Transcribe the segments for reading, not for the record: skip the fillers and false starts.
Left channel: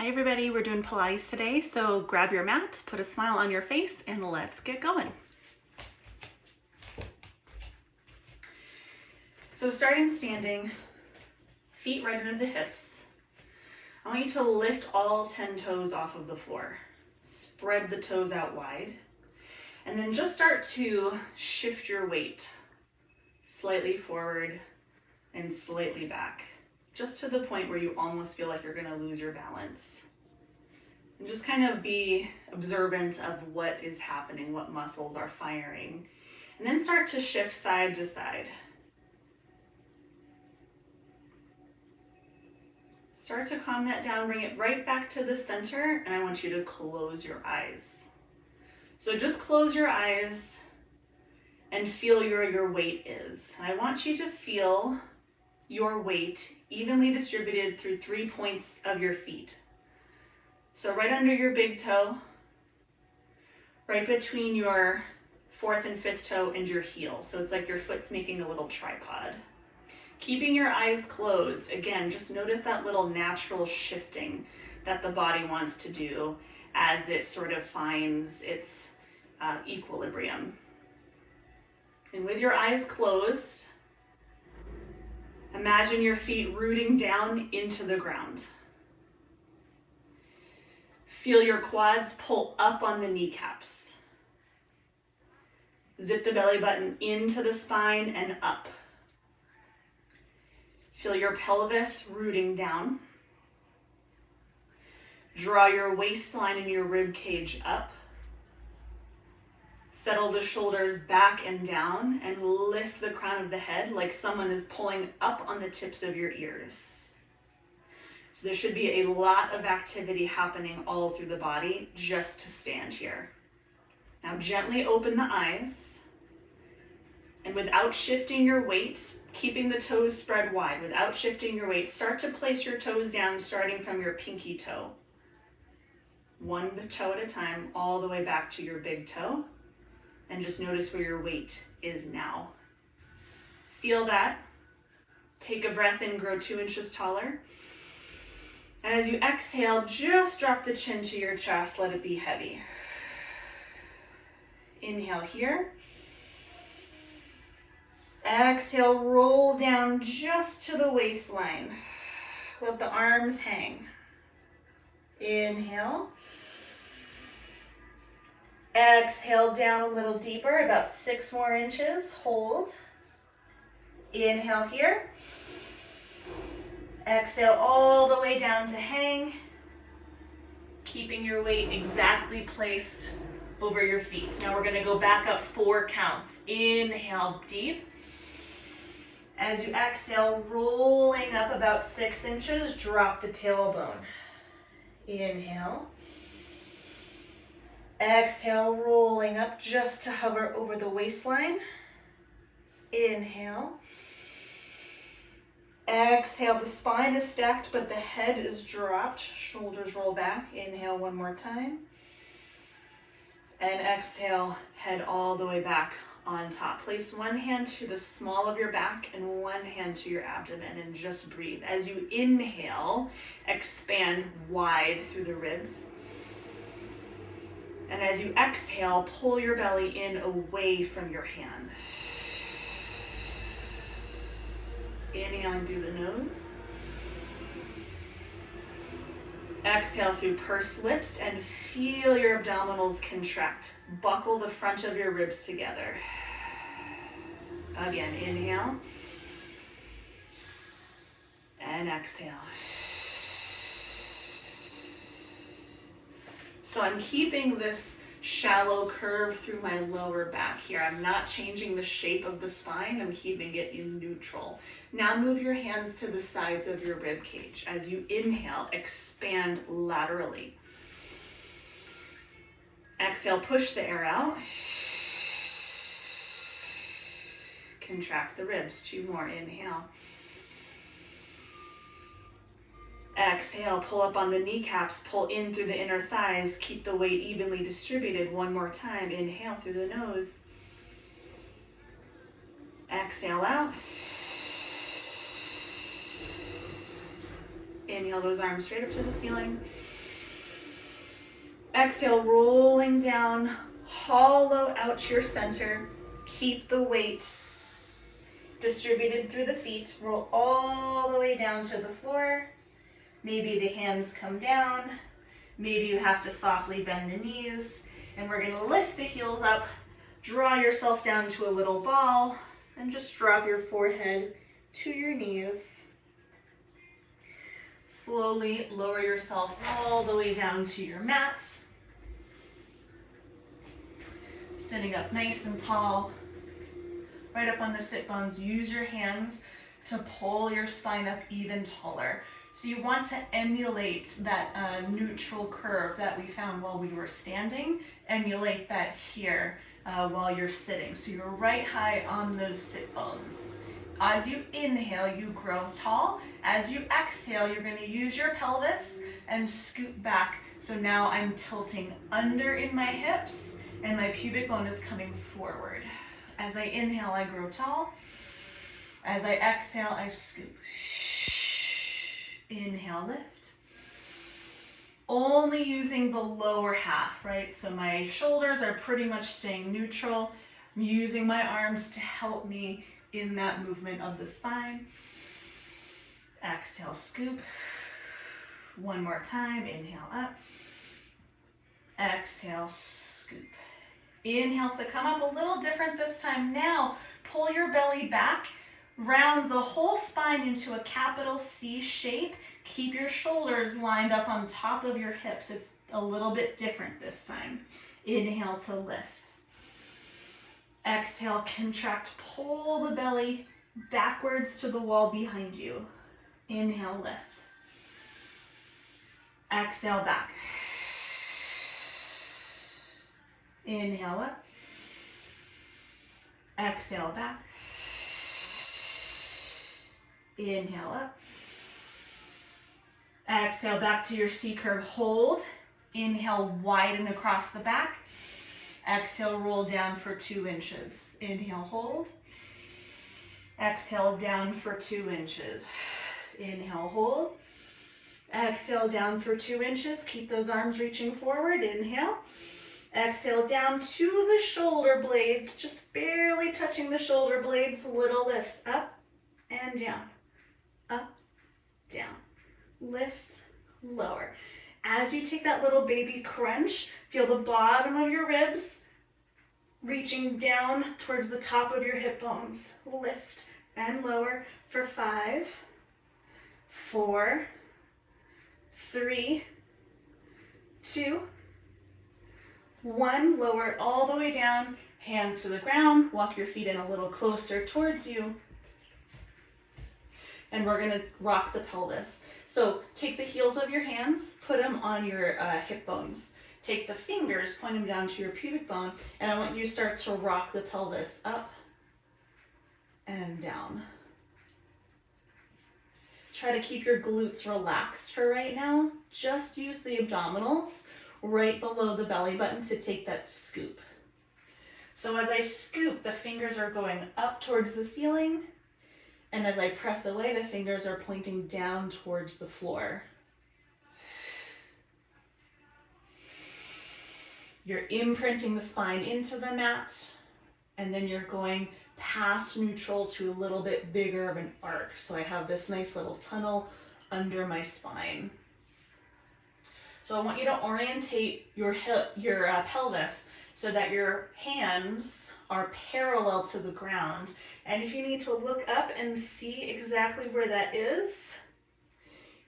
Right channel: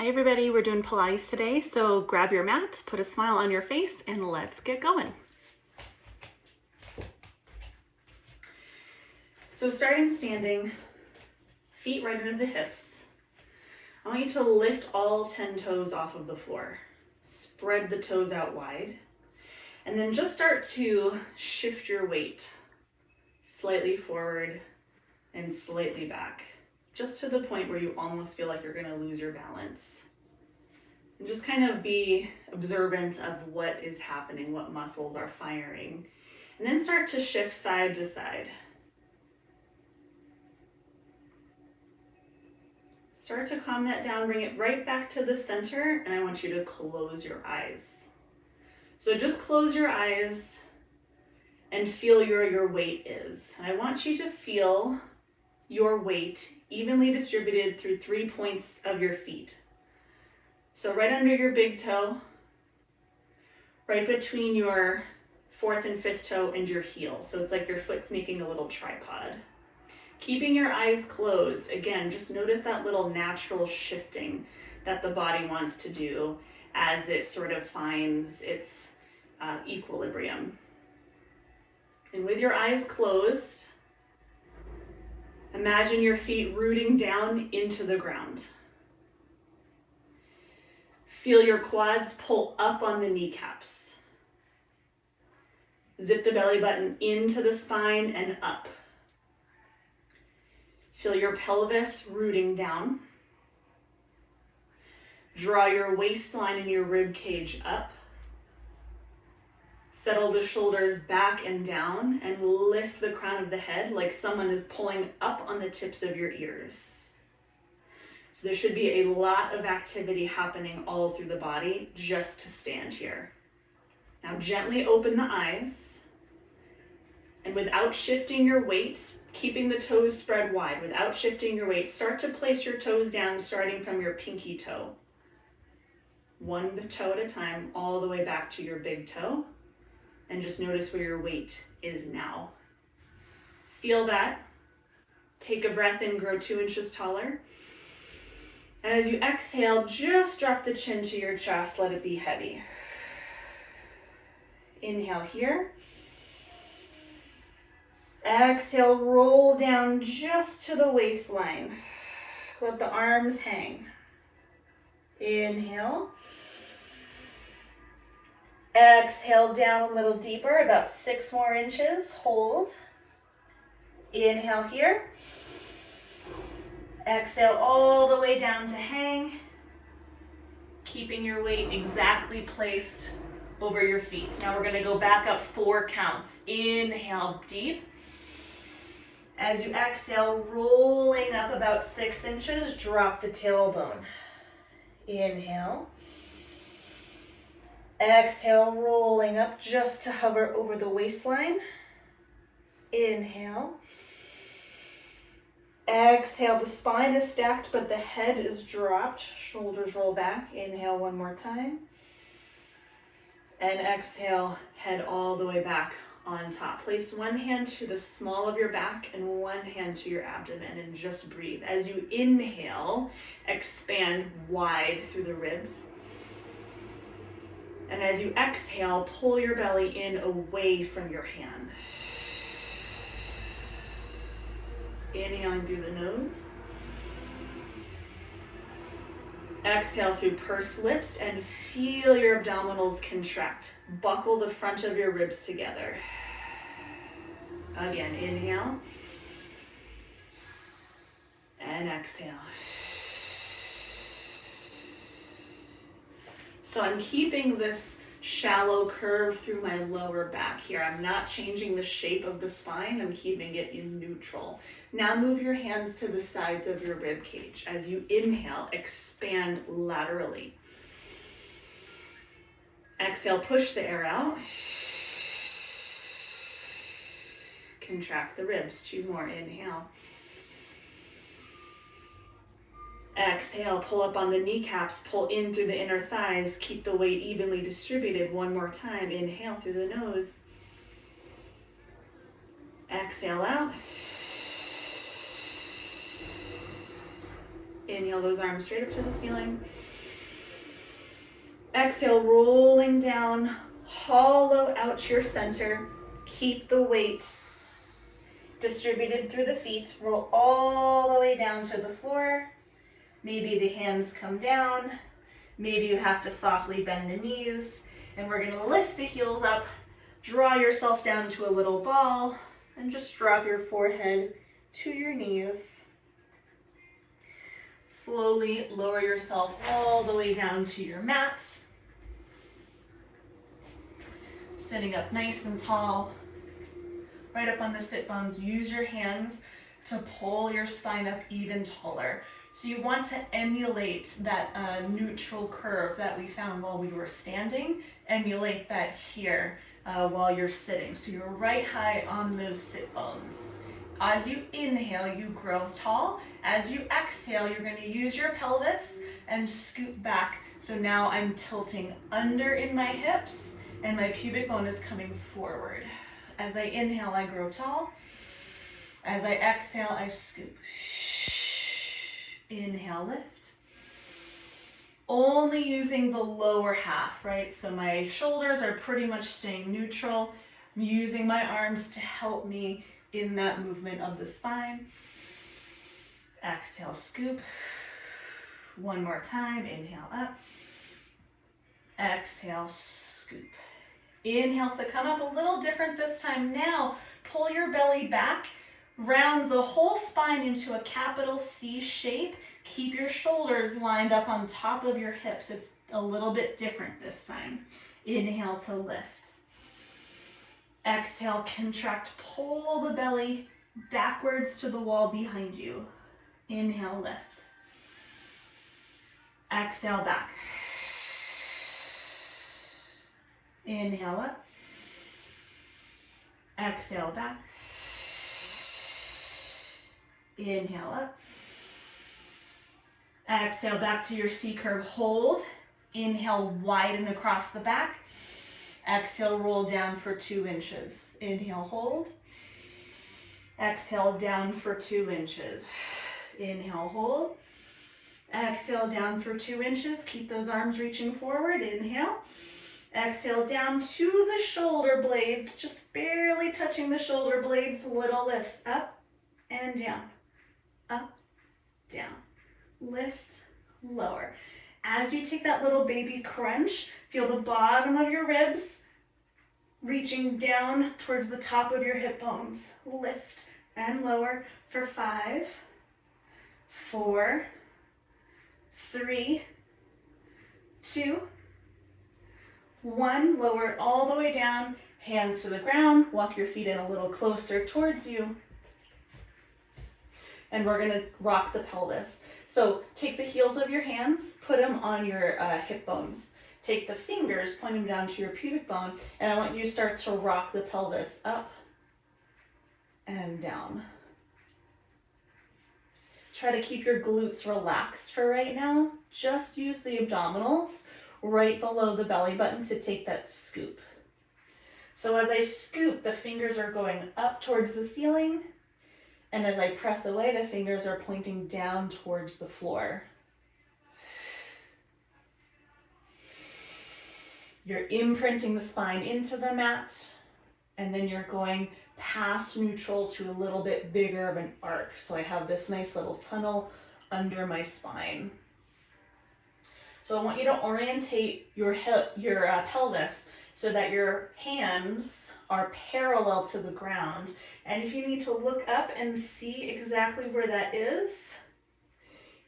Hi everybody, we're doing Pilates today, so grab your mat, put a smile on your face, and let's get going. So starting standing, feet right under the hips. I want you to lift all 10 toes off of the floor. Spread the toes out wide, and then just start to shift your weight slightly forward and slightly back, just to the point where you almost feel like you're gonna lose your balance. And just kind of be observant of what is happening, what muscles are firing. And then start to shift side to side. Start to calm that down, bring it right back to the center, and I want you to close your eyes. So just close your eyes and feel where your weight is. And I want you to feel your weight evenly distributed through 3 points of your feet. So right under your big toe, right between your 4th and 5th toe and your heel. So it's like your foot's making a little tripod. Keeping your eyes closed, again, just notice that little natural shifting that the body wants to do as it sort of finds its equilibrium. And with your eyes closed, imagine your feet rooting down into the ground. Feel your quads pull up on the kneecaps. Zip the belly button into the spine and up. Feel your pelvis rooting down. Draw your waistline and your rib cage up. Settle the shoulders back and down and lift the crown of the head like someone is pulling up on the tips of your ears. So there should be a lot of activity happening all through the body just to stand here. Now gently open the eyes, and without shifting your weight, keeping the toes spread wide, without shifting your weight, start to place your toes down starting from your pinky toe. One toe at a time, all the way back to your big toe. And just notice where your weight is now. Feel that. Take a breath in, grow 2 inches taller. And as you exhale, just drop the chin to your chest, let it be heavy. Inhale here. Exhale, roll down just to the waistline. Let the arms hang. Inhale. Exhale down a little deeper, about 6 more inches. Hold. Inhale here. Exhale all the way down to hang. Keeping your weight exactly placed over your feet. Now we're going to go back up 4 counts. Inhale deep. As you exhale, rolling up about 6 inches, drop the tailbone. Inhale. Exhale, rolling up just to hover over the waistline. Inhale. Exhale, the spine is stacked, but the head is dropped. Shoulders roll back. Inhale one more time. And exhale, head all the way back on top. Place one hand to the small of your back and one hand to your abdomen and just breathe. As you inhale, expand wide through the ribs. And as you exhale, pull your belly in away from your hand. Inhaling through the nose. Exhale through pursed lips and feel your abdominals contract. Buckle the front of your ribs together. Again, inhale. And exhale. So I'm keeping this shallow curve through my lower back here. I'm not changing the shape of the spine. I'm keeping it in neutral. Now move your hands to the sides of your rib cage. As you inhale, expand laterally. Exhale, push the air out. Contract the ribs. 2 more. Inhale. Exhale, pull up on the kneecaps, pull in through the inner thighs, keep the weight evenly distributed. 1 more time. Inhale through the nose. Exhale out. Inhale those arms straight up to the ceiling. Exhale, rolling down, hollow out to your center. Keep the weight distributed through the feet. Roll all the way down to the floor. Maybe the hands come down. Maybe you have to softly bend the knees. And we're gonna lift the heels up, draw yourself down to a little ball, and just drop your forehead to your knees. Slowly lower yourself all the way down to your mat. Sitting up nice and tall, right up on the sit bones. Use your hands to pull your spine up even taller. So you want to emulate that neutral curve that we found while we were standing. Emulate that here while you're sitting. So you're right high on those sit bones. As you inhale, you grow tall. As you exhale, you're going to use your pelvis and scoot back. So now I'm tilting under in my hips and my pubic bone is coming forward. As I inhale, I grow tall. As I exhale, I scoop. Inhale, lift. Only using the lower half, right? So my shoulders are pretty much staying neutral. I'm using my arms to help me in that movement of the spine. Exhale, scoop. One more time, inhale up. Exhale, scoop. Inhale to come up, a little different this time. Now, pull your belly back, round the whole spine into a capital C shape. Keep your shoulders lined up on top of your hips. It's a little bit different this time. Inhale to lift. Exhale, contract, pull the belly backwards to the wall behind you. Inhale, lift. Exhale, back. Inhale up. Exhale, back. Inhale up. Exhale, back to your C curve. Hold. Inhale, widen across the back. Exhale, roll down for 2 inches. Inhale, hold. Exhale, down for 2 inches. Inhale, hold. Exhale, down for 2 inches. Keep those arms reaching forward. Inhale. Exhale, down to the shoulder blades, just barely touching the shoulder blades. Little lifts, up and down, up, down, lift, lower. As you take that little baby crunch, feel the bottom of your ribs reaching down towards the top of your hip bones. Lift and lower for 5, 4, 3, 2, 1. Lower it all the way down, hands to the ground, walk your feet in a little closer towards you. And we're gonna rock the pelvis. So take the heels of your hands, put them on your hip bones. Take the fingers, point them down to your pubic bone, and I want you to start to rock the pelvis up and down. Try to keep your glutes relaxed for right now. Just use the abdominals right below the belly button to take that scoop. So as I scoop, the fingers are going up towards the ceiling, and as I press away, the fingers are pointing down towards the floor. You're imprinting the spine into the mat, and then you're going past neutral to a little bit bigger of an arc. So I have this nice little tunnel under my spine. So I want you to orientate your pelvis so that your hands are parallel to the ground. And if you need to look up and see exactly where that is,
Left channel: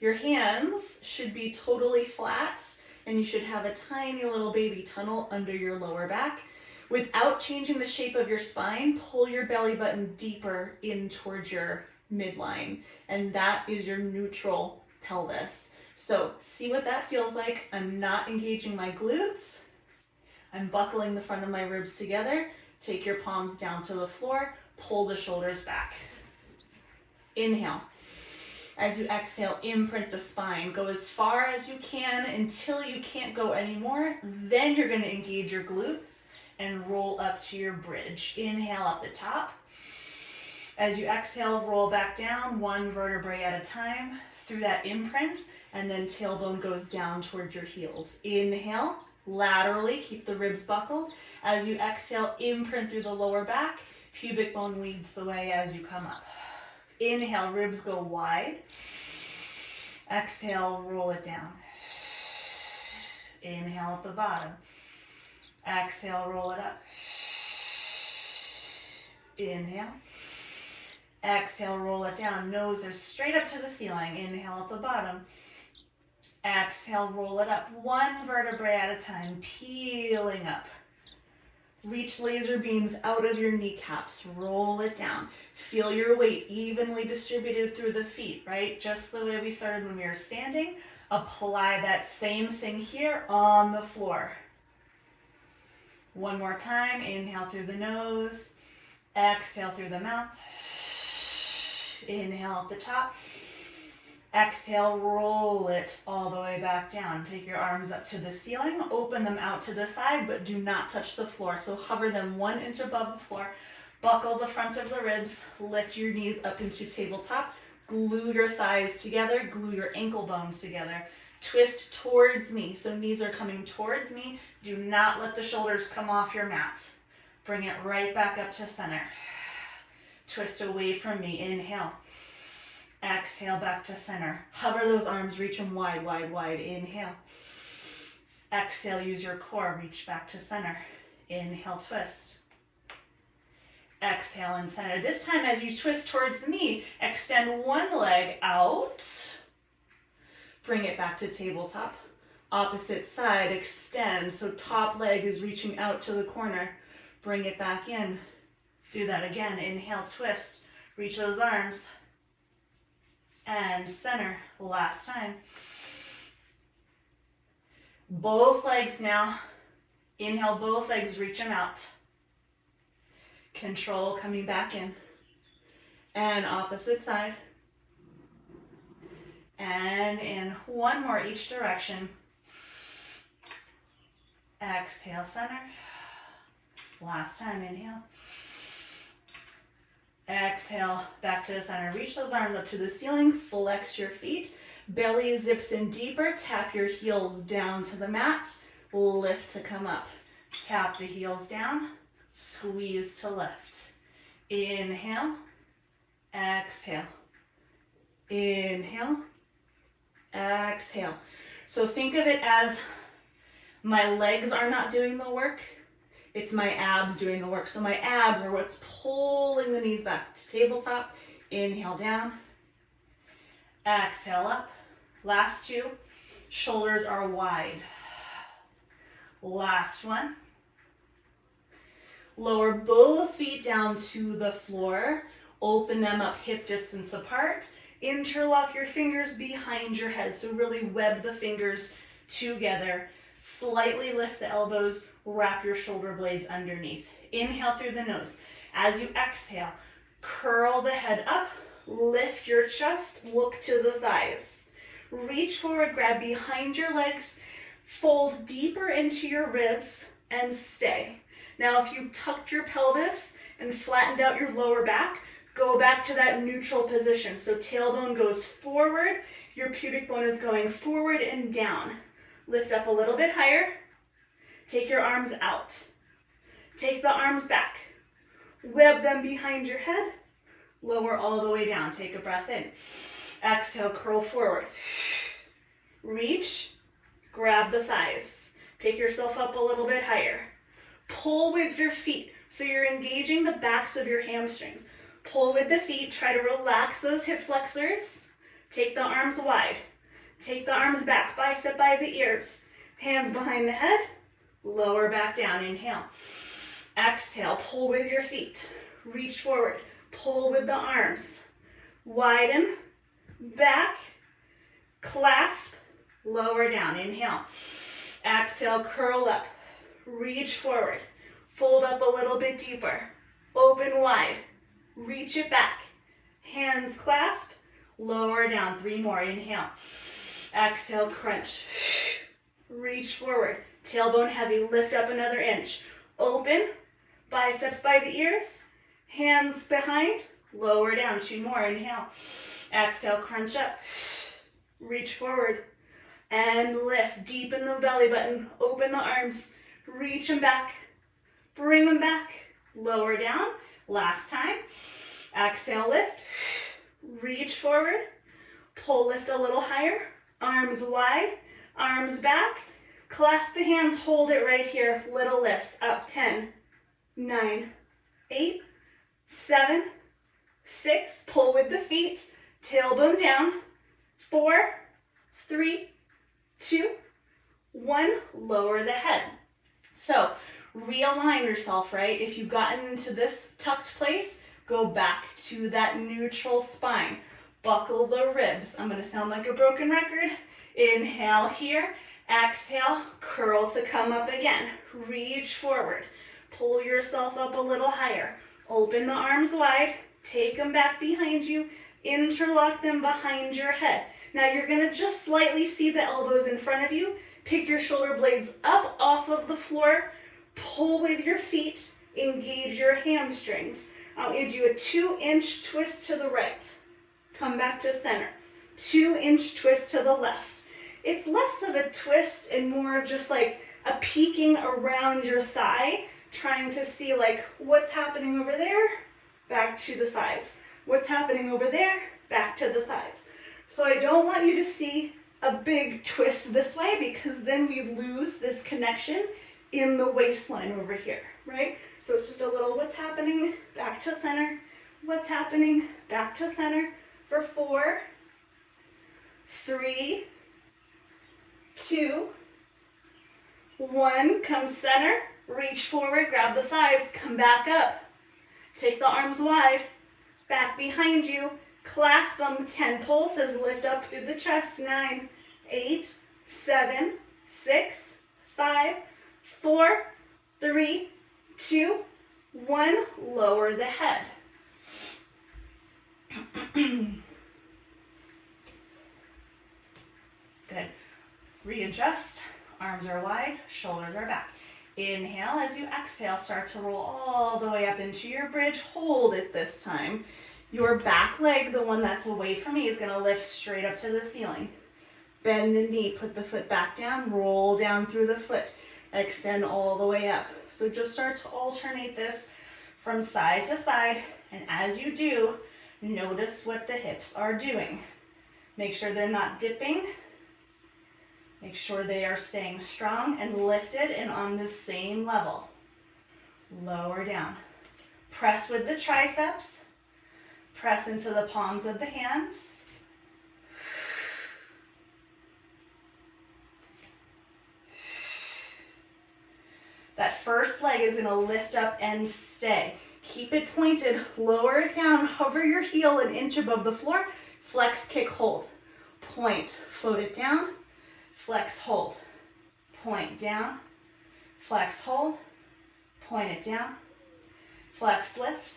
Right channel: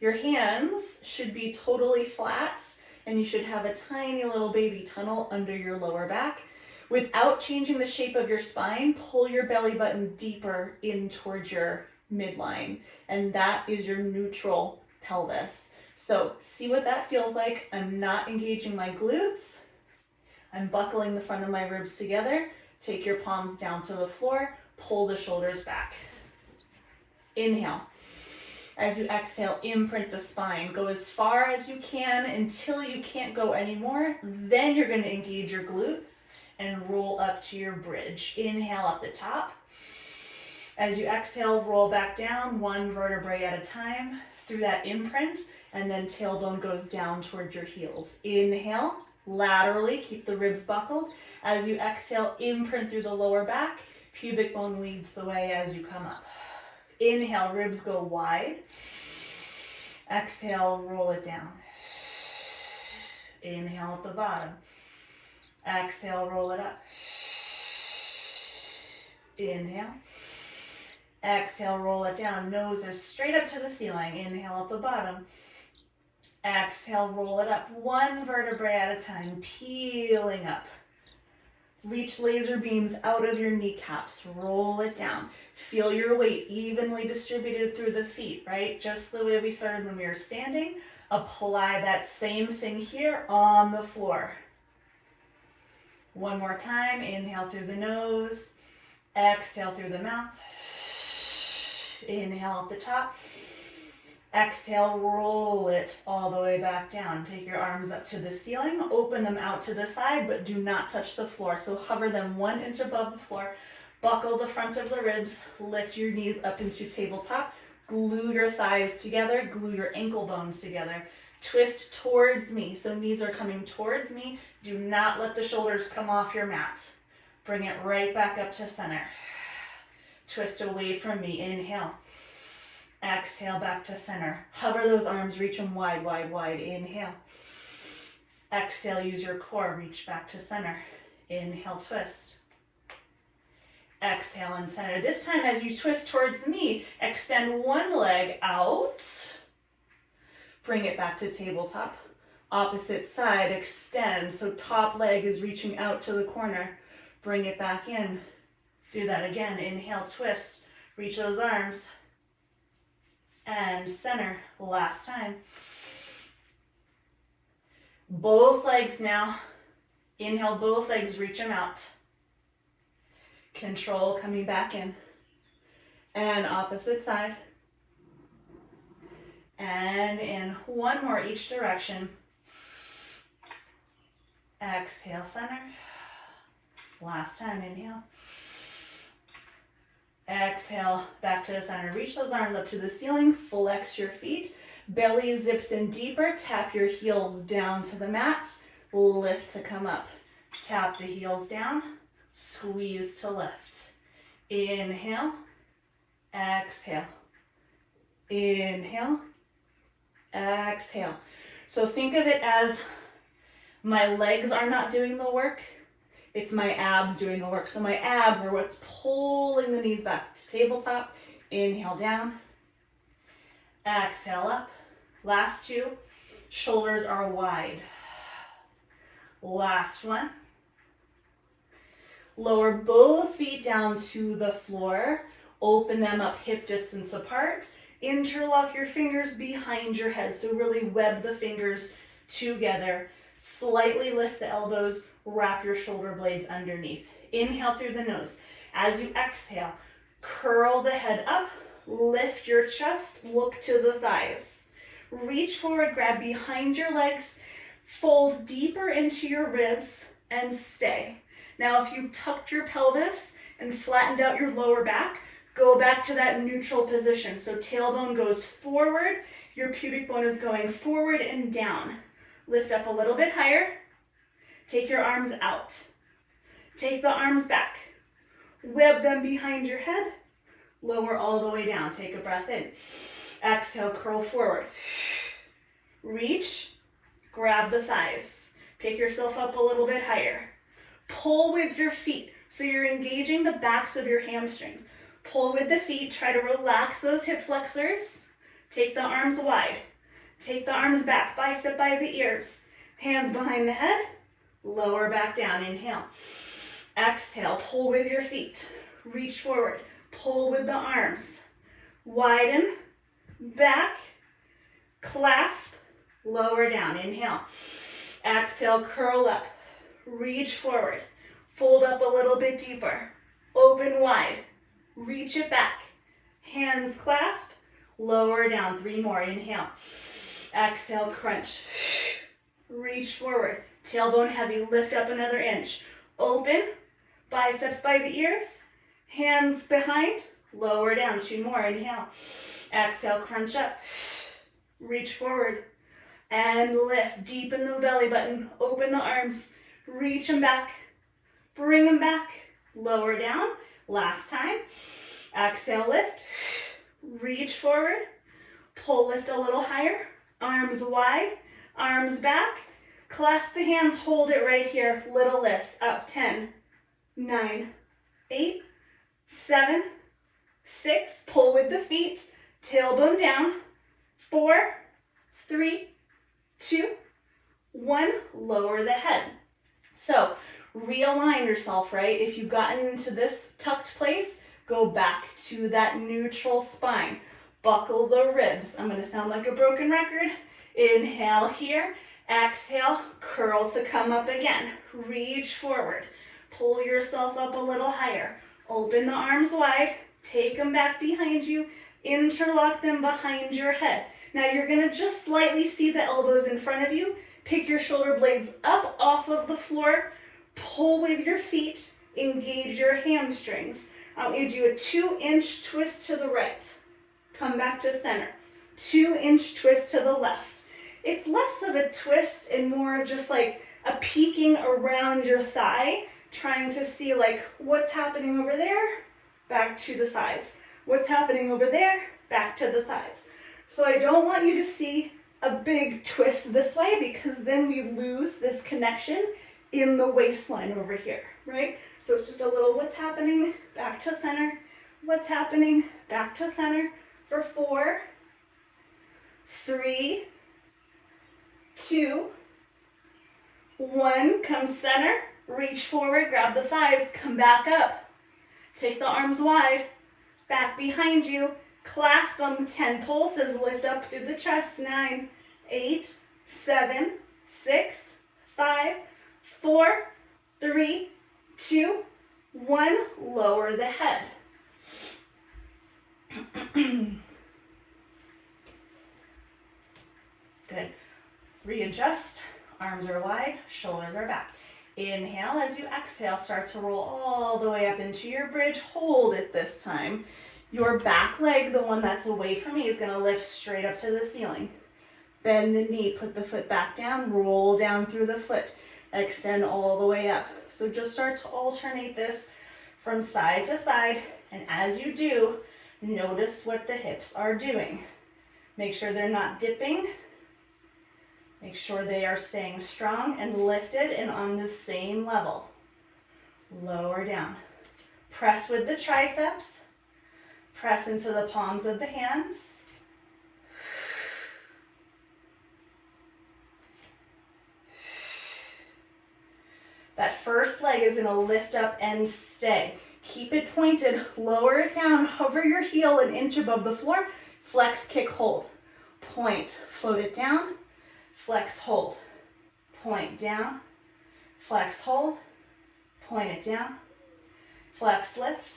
your hands should be totally flat and you should have a tiny little baby tunnel under your lower back. Without changing the shape of your spine, pull your belly button deeper in towards your midline. And that is your neutral pelvis. So see what that feels like. I'm not engaging my glutes. I'm buckling the front of my ribs together. Take your palms down to the floor. Pull the shoulders back. Inhale. As you exhale, imprint the spine. Go as far as you can until you can't go anymore. Then you're going to engage your glutes and roll up to your bridge. Inhale up the top. As you exhale, roll back down, one vertebrae at a time through that imprint, and then tailbone goes down towards your heels. Inhale, laterally, keep the ribs buckled. As you exhale, imprint through the lower back, pubic bone leads the way as you come up. Inhale, ribs go wide. Exhale, roll it down. Inhale at the bottom. Exhale, roll it up. Inhale. Exhale, roll it down. Nose is straight up to the ceiling. Inhale at the bottom. Exhale, roll it up. One vertebrae at a time, peeling up. Reach laser beams out of your kneecaps. Roll it down. Feel your weight evenly distributed through the feet, right? Just the way we started when we were standing. Apply that same thing here on the floor. One more time. Inhale through the nose. Exhale through the mouth. Inhale at the top. Exhale, roll it all the way back down. Take your arms up to the ceiling, open them out to the side, but do not touch the floor. So hover them 1 inch above the floor. Buckle the front of the ribs, lift your knees up into tabletop, glue your thighs together, glue your ankle bones together. Twist towards me, so knees are coming towards me. Do not let the shoulders come off your mat. Bring it right back up to center. Twist away from me, inhale. Exhale, back to center. Hover those arms, reach them wide, wide, wide. Inhale. Exhale, use your core, reach back to center. Inhale, twist. Exhale and center. This time, as you twist towards me, extend one leg out. Bring it back to tabletop. Opposite side, extend. So top leg is reaching out to the corner. Bring it back in. Do that again. Inhale, twist. Reach those arms. And center. Last time. Both legs now. Inhale, both legs, reach them out. Control coming back in. And opposite side. And in. One more each direction. Exhale, center. Last time, inhale. Exhale, back to the center. Reach those arms up to the ceiling, flex your feet. Belly zips in deeper, tap your heels down to the mat. Lift to come up. Tap the heels down, squeeze to lift. Inhale, exhale. Inhale, exhale. So think of it as my legs are not doing the work. It's my abs doing the work. So my abs are what's pulling the knees back to tabletop. Inhale down. Exhale up. Last two. Shoulders are wide. Last one. Lower both feet down to the floor. Open them up hip distance apart. Interlock your fingers behind your head. So really web the fingers together. Slightly lift the elbows. Wrap your shoulder blades underneath. Inhale through the nose. As you exhale, curl the head up, lift your chest, look to the thighs. Reach forward, grab behind your legs, fold deeper into your ribs, and stay. Now, if you tucked your pelvis and flattened out your lower back, go back to that neutral position. So tailbone goes forward, your pubic bone is going forward and down. Lift up a little bit higher. Take your arms out. Take the arms back. Web them behind your head. Lower all the way down. Take a breath in. Exhale, curl forward. Reach, grab the thighs. Pick yourself up a little bit higher. Pull with your feet. So you're engaging the backs of your hamstrings. Pull with the feet. Try to relax those hip flexors. Take the arms wide. Take the arms back, bicep by the ears. Hands behind the head. Lower back down, inhale. Exhale, pull with your feet. Reach forward, pull with the arms. Widen, back, clasp, lower down, inhale. Exhale, curl up, reach forward. Fold up a little bit deeper. Open wide, reach it back. Hands clasp, lower down, 3 more, inhale. Exhale, crunch. Reach forward. Tailbone heavy, lift up another inch. Open, biceps by the ears, hands behind, lower down, 2 more, inhale, exhale, crunch up, reach forward, and lift, deepen the belly button, open the arms, reach them back, bring them back, lower down, last time, exhale, lift, reach forward, pull, lift a little higher, arms wide, arms back, clasp the hands, hold it right here, little lifts, up, 10, 9, 8, 7, 6, pull with the feet, tailbone down, 4, 3, 2, 1, lower the head. So realign yourself, right? If you've gotten into this tucked place, go back to that neutral spine. Buckle the ribs. I'm going to sound like a broken record. Inhale here, exhale, curl to come up again. Reach forward, pull yourself up a little higher. Open the arms wide, take them back behind you, interlock them behind your head. Now you're going to just slightly see the elbows in front of you. Pick your shoulder blades up off of the floor, pull with your feet, engage your hamstrings. I'll give you a 2-inch twist to the right. Come back to center. 2-inch twist to the left. It's less of a twist and more of just like a peeking around your thigh, trying to see like what's happening over there, back to the thighs. What's happening over there, back to the thighs. So I don't want you to see a big twist this way because then we lose this connection in the waistline over here, right? So it's just a little what's happening, back to center, what's happening, back to center for 4, 3, 2, 1, come center, reach forward, grab the thighs, come back up. Take the arms wide, back behind you, clasp them, 10 pulses, lift up through the chest, 9, 8, 7, 6, 5, 4, 3, 2, 1, lower the head. Good. Readjust, arms are wide, shoulders are back. Inhale, as you exhale, start to roll all the way up into your bridge. Hold it this time. Your back leg, the one that's away from me, is going to lift straight up to the ceiling. Bend the knee, put the foot back down, roll down through the foot, extend all the way up. So just start to alternate this from side to side, and as you do, notice what the hips are doing. Make sure they're not dipping. Make sure they are staying strong and lifted and on the same level. Lower down. Press with the triceps. Press into the palms of the hands. That first leg is going to lift up and stay. Keep it pointed, lower it down, hover your heel an inch above the floor, flex, kick, hold. Point, float it down, flex, hold. Point down, flex, hold, point it down, flex, lift.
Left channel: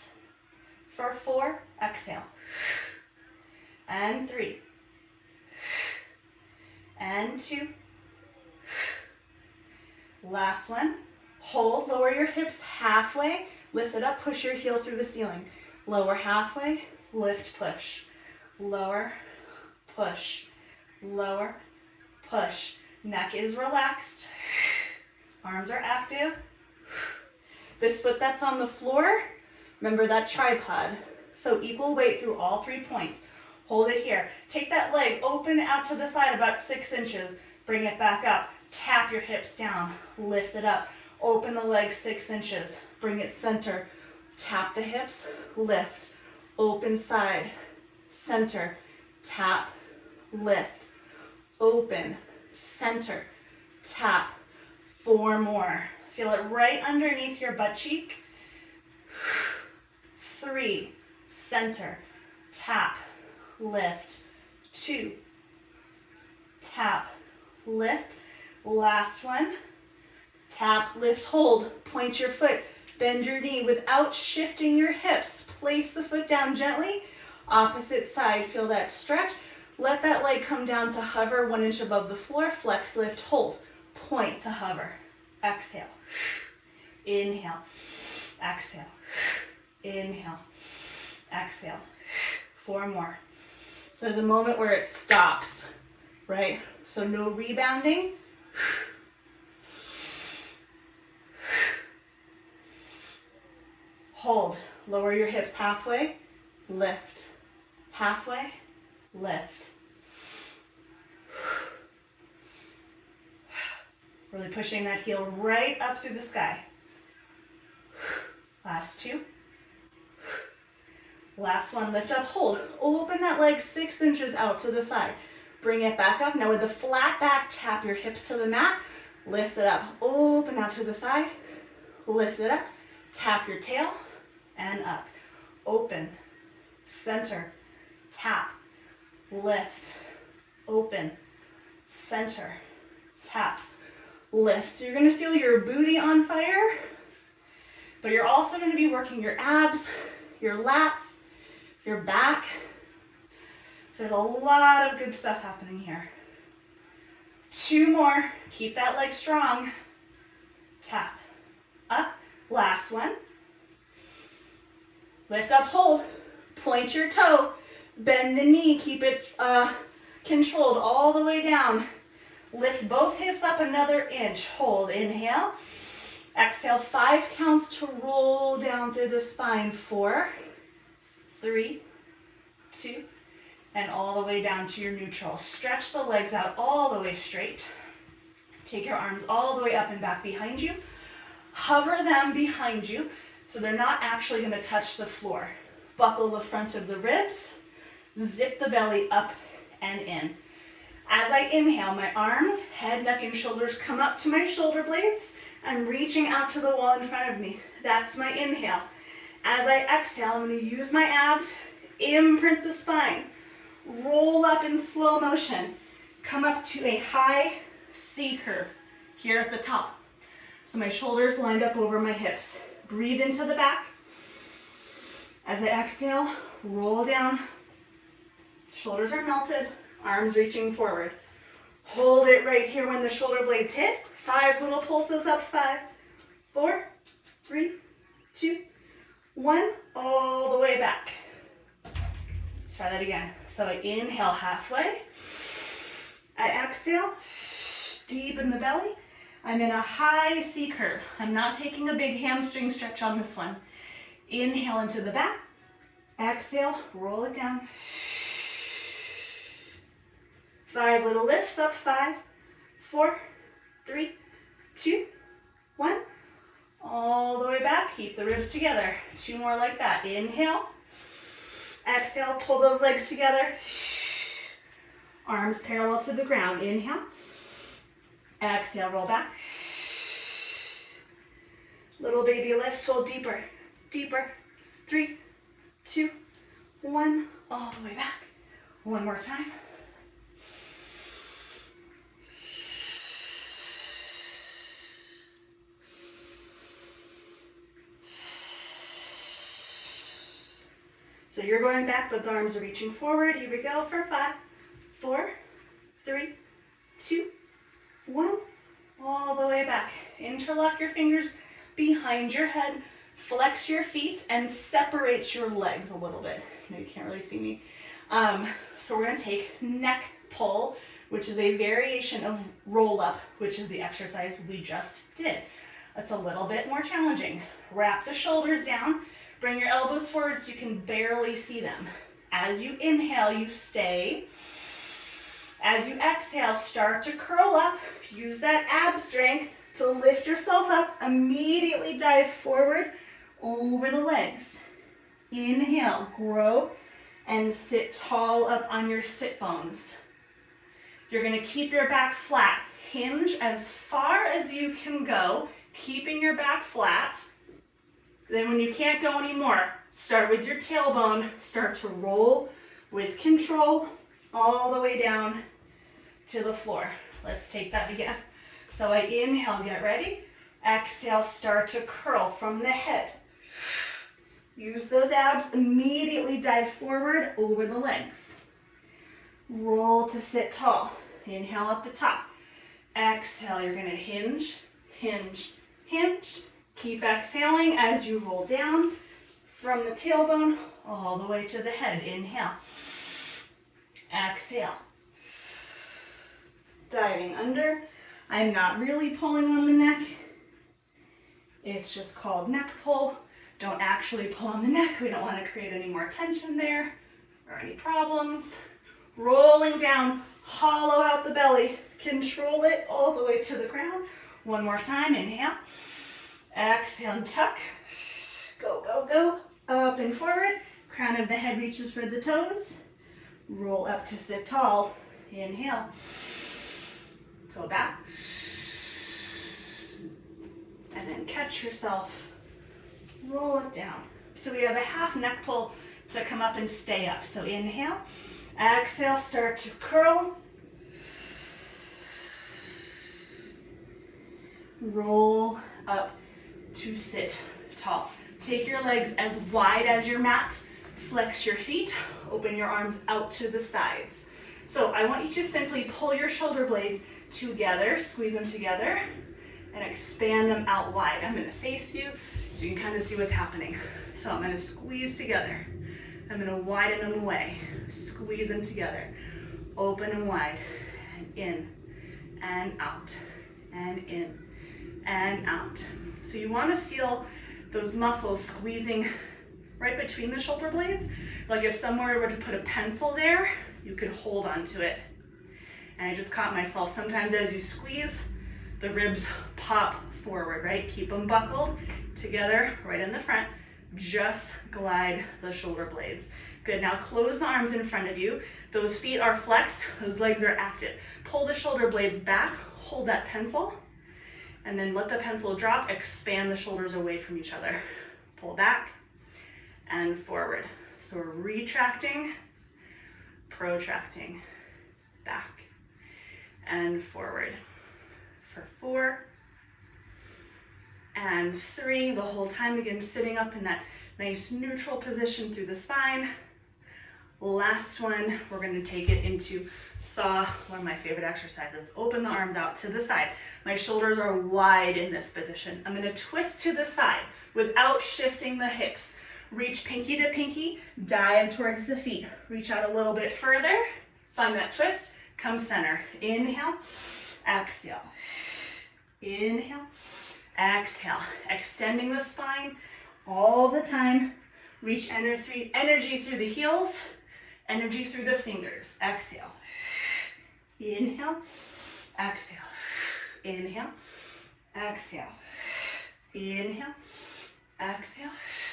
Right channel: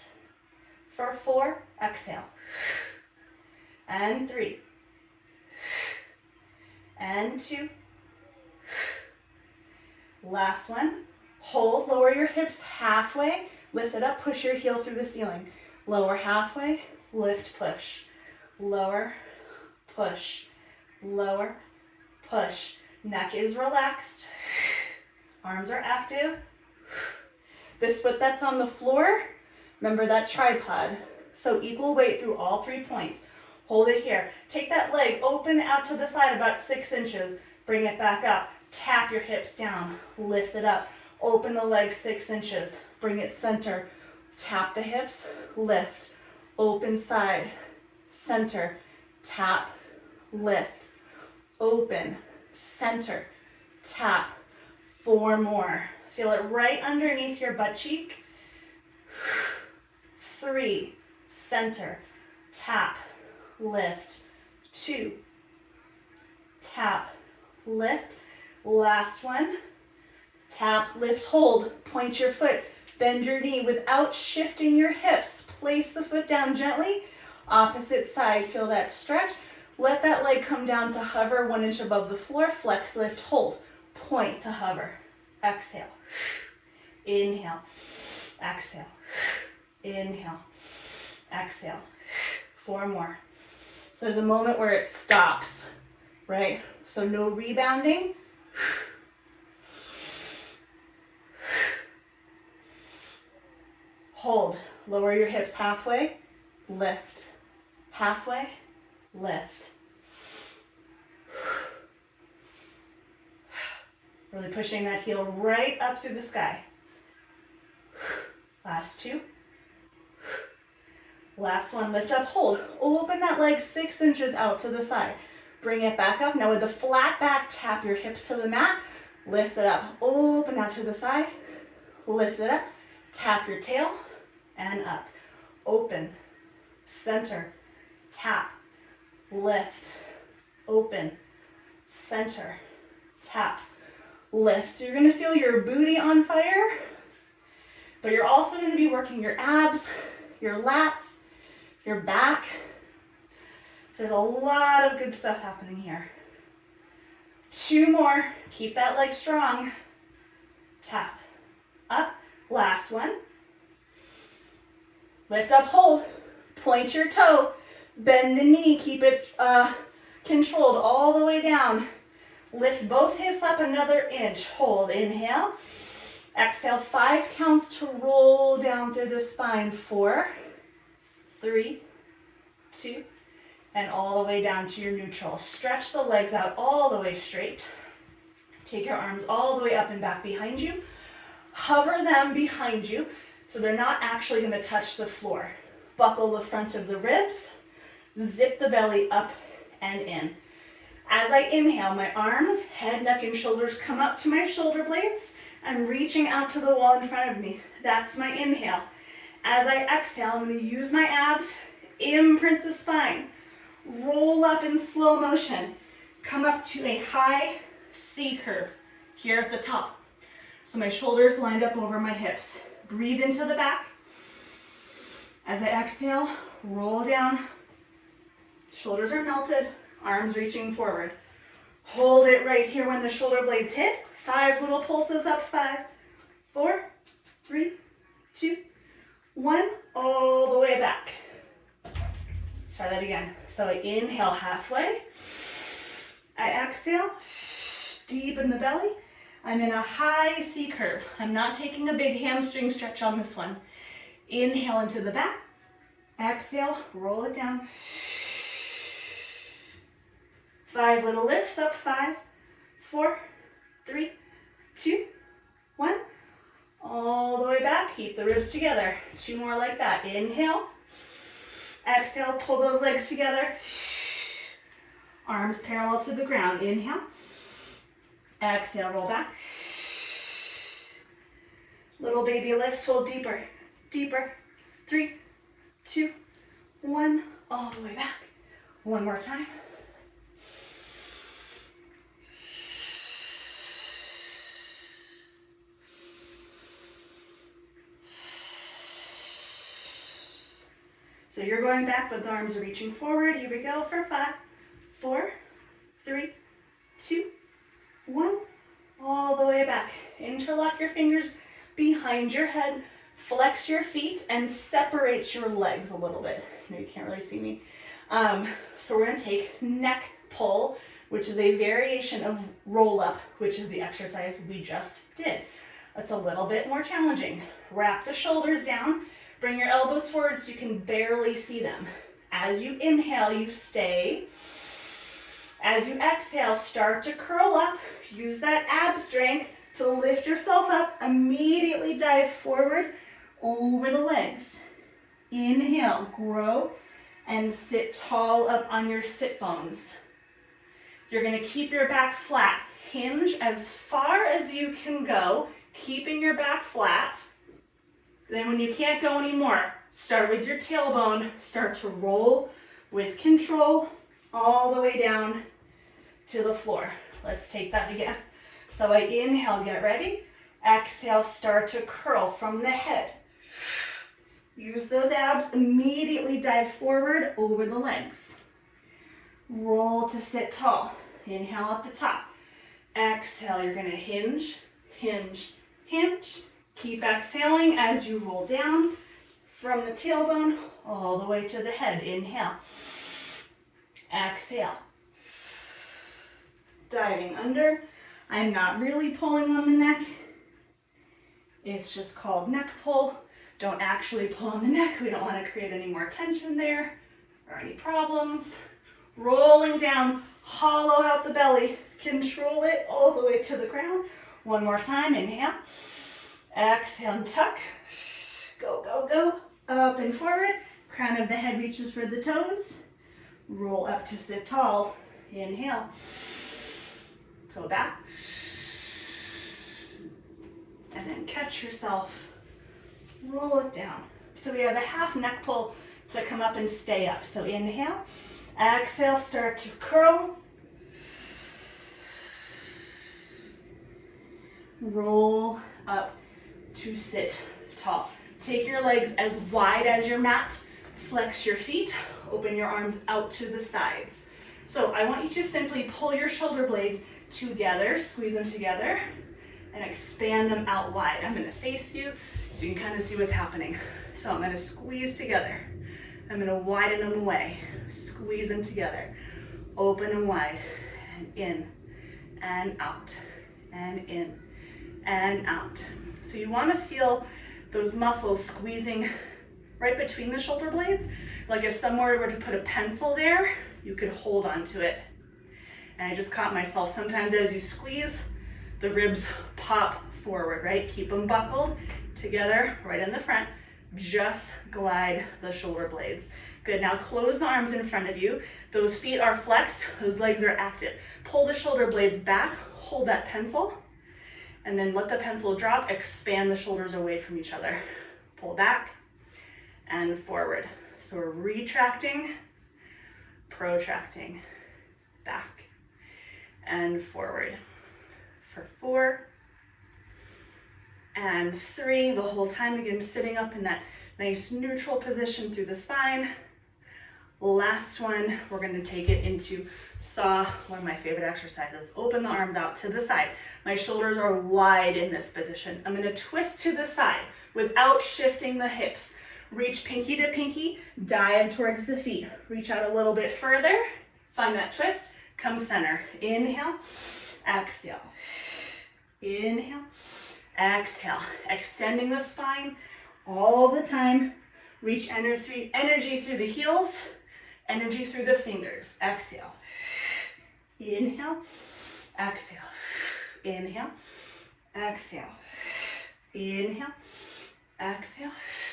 For 4, exhale. And 3. And 2. Last one. Hold, lower your hips halfway, lift it up, push your heel through the ceiling. Lower halfway, lift, push. Lower, push. Lower, push. Neck is relaxed. Arms are active. This foot that's on the floor, remember that tripod. So equal weight through all 3 points. Hold it here. Take that leg, open out to the side about 6 inches. Bring it back up. Tap your hips down. Lift it up. Open the leg 6 inches. Bring it center. Tap the hips. Lift. Open side. Center. Tap. Lift. Open. Center. Tap. 4 more. Feel it right underneath your butt cheek. 3, center, tap, lift. 2, tap, lift. Last one, tap, lift, hold. Point your foot, bend your knee without shifting your hips. Place the foot down gently. Opposite side, feel that stretch. Let that leg come down to hover 1 inch above the floor. Flex, lift, hold. Point to hover. Exhale. Inhale. Exhale. Inhale. exhale. 4 more. So there's a moment where it stops, right? So no rebounding. Hold. Lower your hips halfway, lift. Halfway, lift. Really pushing that heel right up through the sky. Last 2. Last one, lift up, hold. Open that leg 6 inches out to the side. Bring it back up. Now with the flat back, tap your hips to the mat. Lift it up, open out to the side. Lift it up, tap your tail, and up. Open, center, tap, lift, open, center, tap, lift. So you're gonna feel your booty on fire, but you're also gonna be working your abs, your lats, your back. So there's a lot of good stuff happening here. 2 more, keep that leg strong. Tap, up, last one. Lift up, hold, point your toe, bend the knee, keep it controlled all the way down. Lift both hips up another inch, hold, inhale. Exhale, 5 counts to roll down through the spine. 4, 3, 2, and all the way down to your neutral. Stretch the legs out all the way straight. Take your arms all the way up and back behind you. Hover them behind you so they're not actually going to touch the floor. Buckle the front of the ribs. Zip the belly up and in. As I inhale, my arms, head, neck, and shoulders come up to my shoulder blades. I'm reaching out to the wall in front of me. That's my inhale. As I exhale, I'm going to use my abs, imprint the spine, roll up in slow motion, come up to a high C curve here at the top. So my shoulders lined up over my hips. Breathe into the back. As I exhale, roll down. Shoulders are melted, arms reaching forward. Hold it right here when the shoulder blades hit. 5 little pulses up. 5, 4, 3, 2, 1. All the way back. Let's try that again. So I inhale halfway. I exhale, deep in the belly. I'm in a high C curve. I'm not taking a big hamstring stretch on this one. Inhale into the back. Exhale, roll it down. 5 little lifts up. 5, 4, 3, 2, 1. All the way back. Keep the ribs together. 2 more like that. Inhale. Exhale, pull those legs together. Arms parallel to the ground. Inhale. Exhale, roll back. Little baby lifts, hold deeper, deeper. 3, 2, 1. All the way back. 1 more time. So you're going back, but the arms are reaching forward. Here we go for 5, 4, 3, 2, 1. All the way back. Interlock your fingers behind your head. Flex your feet and separate your legs a little bit. I know you can't really see me. So we're going to take neck pull, which is a variation of roll up, which is the exercise we just did. That's a little bit more challenging. Wrap the shoulders down. Bring your elbows forward so you can barely see them. As you inhale, you stay. As you exhale, start to curl up. Use that ab strength to lift yourself up. Immediately dive forward over the legs. Inhale, grow, and sit tall up on your sit bones. You're going to keep your back flat. Hinge as far as you can go, keeping your back flat. Then when you can't go anymore, start with your tailbone. Start to roll with control all the way down to the floor. Let's take that again. So I inhale, get ready. Exhale, start to curl from the head. Use those abs, immediately dive forward over the legs. Roll to sit tall. Inhale at the top. Exhale, you're gonna hinge, hinge, hinge. Keep exhaling as you roll down from the tailbone all the way to the head. Inhale. Exhale. Diving under. I'm not really pulling on the neck. It's just called neck pull. Don't actually pull on the neck. We don't want to create any more tension there or any problems. Rolling down, hollow out the belly. Control it all the way to the ground. One more time, inhale. Exhale and tuck. Go, go, go. Up and forward. Crown of the head reaches for the toes. Roll up to sit tall. Inhale. Go back. And then catch yourself. Roll it down. So we have a half neck pull to come up and stay up. So inhale. Exhale, start to curl. Roll up to sit tall. Take your legs as wide as your mat. Flex your feet. Open your arms out to the sides. So I want you to simply pull your shoulder blades together, squeeze them together, and expand them out wide. I'm going to face you so you can kind of see what's happening. So I'm going to squeeze together. I'm going to widen them away. Squeeze them together. Open and wide. And in. And out. And in. And out. So you want to feel those muscles squeezing right between the shoulder blades. Like if someone were to put a pencil there, you could hold onto it. And I just caught myself. Sometimes as you squeeze, the ribs pop forward, right? Keep them buckled together right in the front. Just glide the shoulder blades. Good, now close the arms in front of you. Those feet are flexed, those legs are active. Pull the shoulder blades back, hold that pencil, and then let the pencil drop, expand the shoulders away from each other. Pull back and forward. So we're retracting, protracting, back and forward. For 4 and 3, the whole time, again, sitting up in that nice neutral position through the spine. Last one, we're going to take it into saw, one of my favorite exercises. Open the arms out to the side. My shoulders are wide in this position. I'm going to twist to the side without shifting the hips. Reach pinky to pinky, dive towards the feet. Reach out a little bit further, find that twist, come center. Inhale, exhale. Inhale, exhale. Extending the spine all the time. Reach energy through the heels, energy through the fingers. Exhale. Inhale, exhale. Inhale, exhale. Inhale, exhale.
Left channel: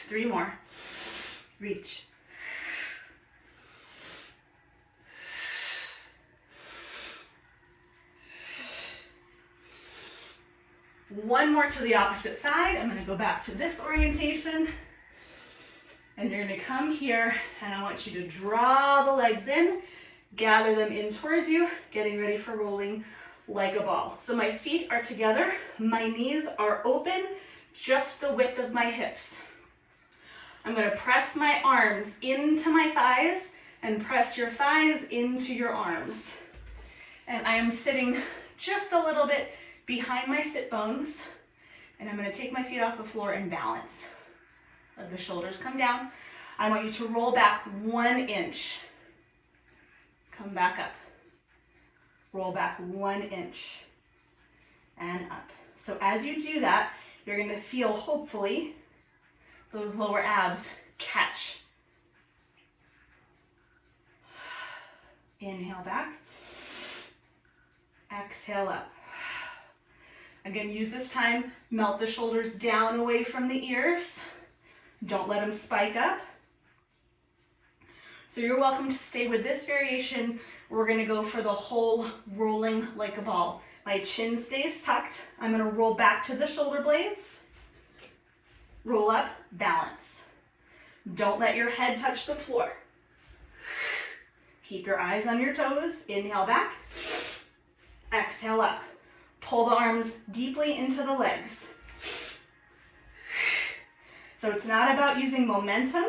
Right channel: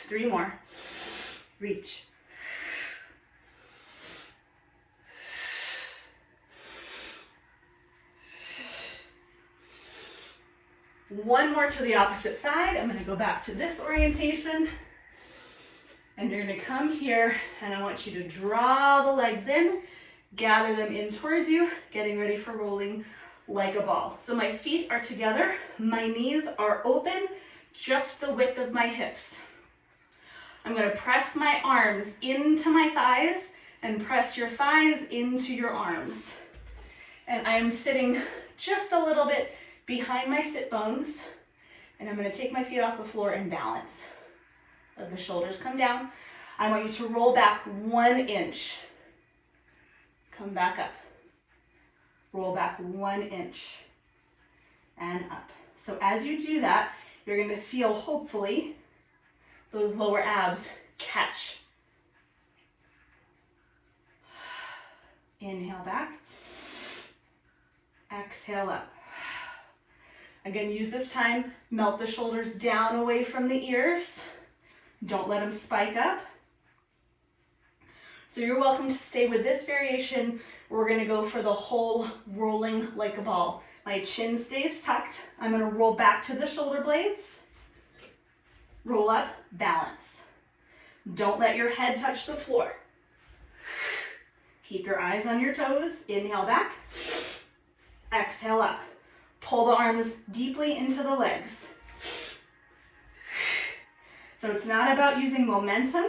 3 more. Reach. One more to the opposite side. I'm going to go back to this orientation. And you're going to come here, and I want you to draw the legs in, gather them in towards you, getting ready for rolling like a ball. So my feet are together, my knees are open, just the width of my hips. I'm going to press my arms into my thighs and press your thighs into your arms. And I am sitting just a little bit behind my sit bones, and I'm going to take my feet off the floor and balance. Let the shoulders come down. I want you to roll back 1 inch. Come back up. Roll back 1 inch and up. So as you do that, you're going to feel, hopefully, those lower abs catch. Inhale back. Exhale up. Again, use this time, melt the shoulders down away from the ears. Don't let them spike up. So you're welcome to stay with this variation. We're going to go for the whole rolling like a ball. My chin stays tucked. I'm going to roll back to the shoulder blades. Roll up, balance. Don't let your head touch the floor. Keep your eyes on your toes. Inhale back. Exhale up. Pull the arms deeply into the legs. So it's not about using momentum.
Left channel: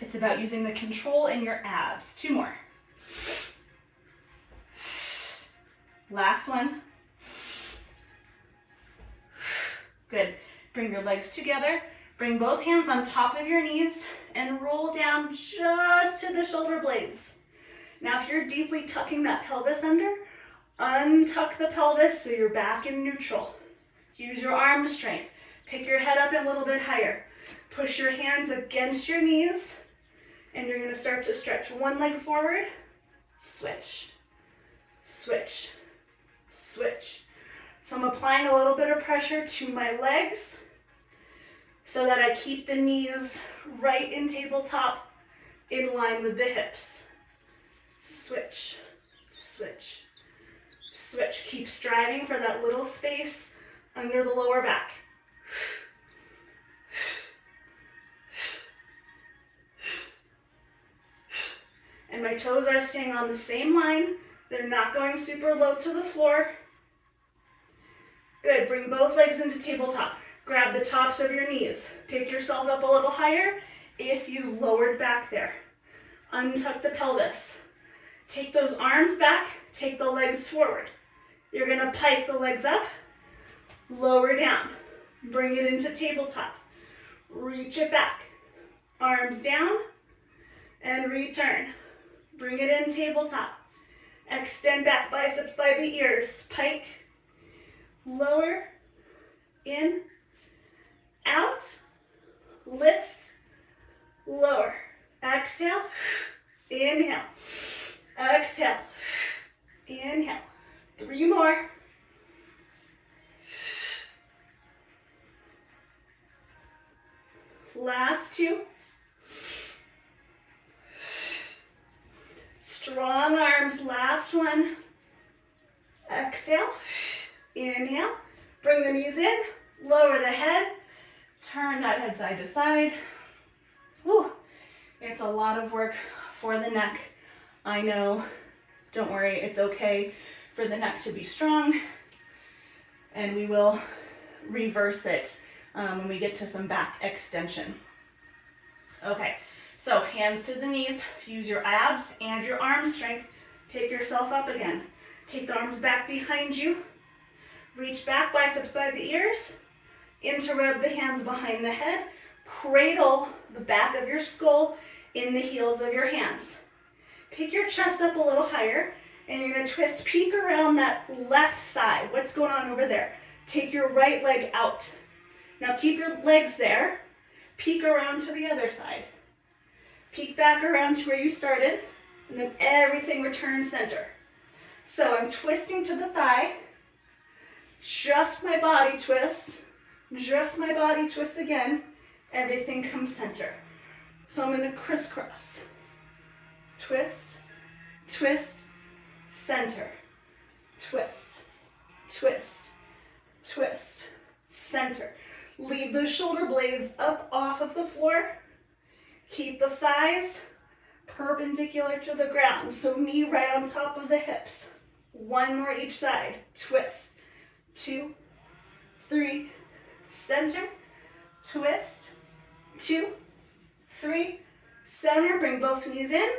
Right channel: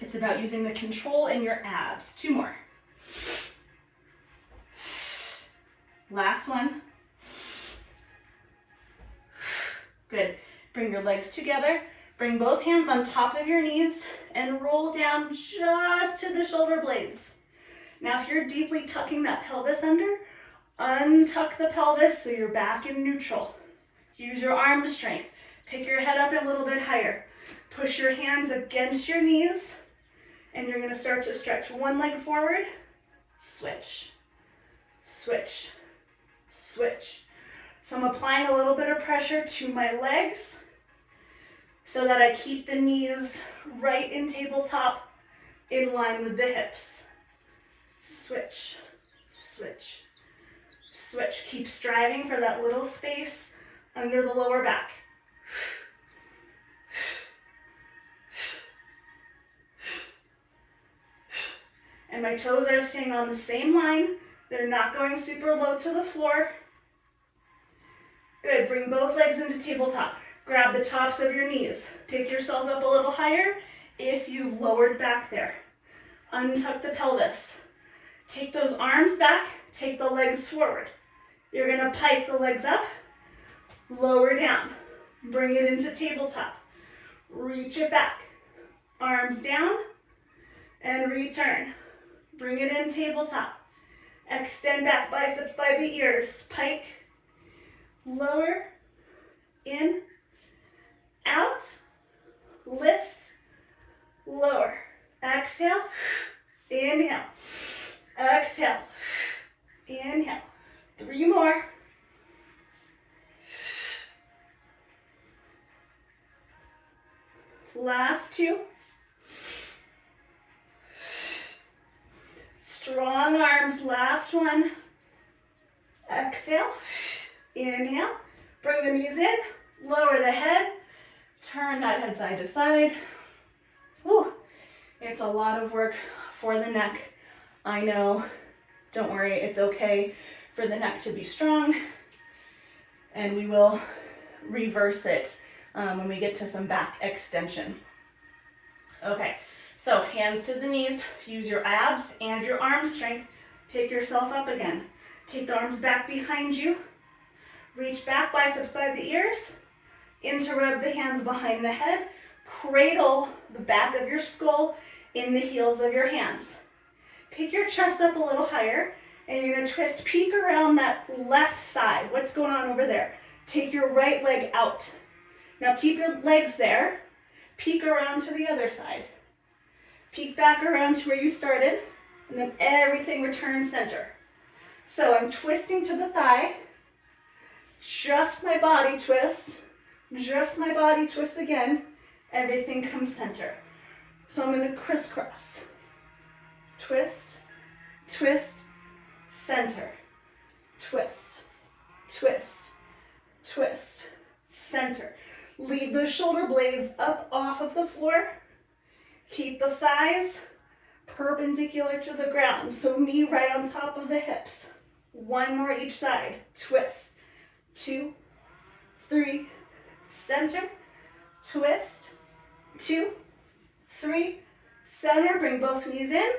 It's about using the control in your abs. 2 more. Last one. Good. Bring your legs together. Bring both hands on top of your knees and roll down just to the shoulder blades. Now if you're deeply tucking that pelvis under, untuck the pelvis so you're back in neutral. Use your arm strength. Pick your head up a little bit higher. Push your hands against your knees, and you're going to start to stretch one leg forward, switch, switch, switch. So I'm applying a little bit of pressure to my legs so that I keep the knees right in tabletop in line with the hips. Switch, switch, switch. Keep striving for that little space under the lower back. And my toes are staying on the same line. They're not going super low to the floor. Good, bring both legs into tabletop. Grab the tops of your knees. Pick yourself up a little higher if you've lowered back there. Untuck the pelvis. Take those arms back, take the legs forward. You're gonna pike the legs up, lower down. Bring it into tabletop. Reach it back. Arms down and return. Bring it in tabletop. Extend back, biceps by the ears. Pike, lower, in, out, lift, lower. Exhale, inhale, exhale, inhale. 3 more. Last 2. Strong arms, last one. Exhale, inhale. Bring the knees in, lower the head, turn that head side to side. Woo. It's a lot of work for the neck. I know, don't worry, it's okay for the neck to be strong, and we will reverse it when we get to some back extension. Okay, so hands to the knees, use your abs and your arm strength, pick yourself up again. Take the arms back behind you, reach back, biceps by the ears, interrub the hands behind the head, cradle the back of your skull in the heels of your hands. Pick your chest up a little higher, and you're gonna twist, peek around that left thigh. What's going on over there? Take your right leg out. Now keep your legs there, peek around to the other side. Peek back around to where you started, and then everything returns center. So I'm twisting to the thigh, just my body twists, again, everything comes center. So I'm gonna crisscross, twist, twist, center, twist, twist, twist, center. Leave those shoulder blades up off of the floor. Keep the thighs perpendicular to the ground, so knee right on top of the hips. 1 more each side. Twist, 2, 3, center, twist, 2, 3, center. Bring both knees in,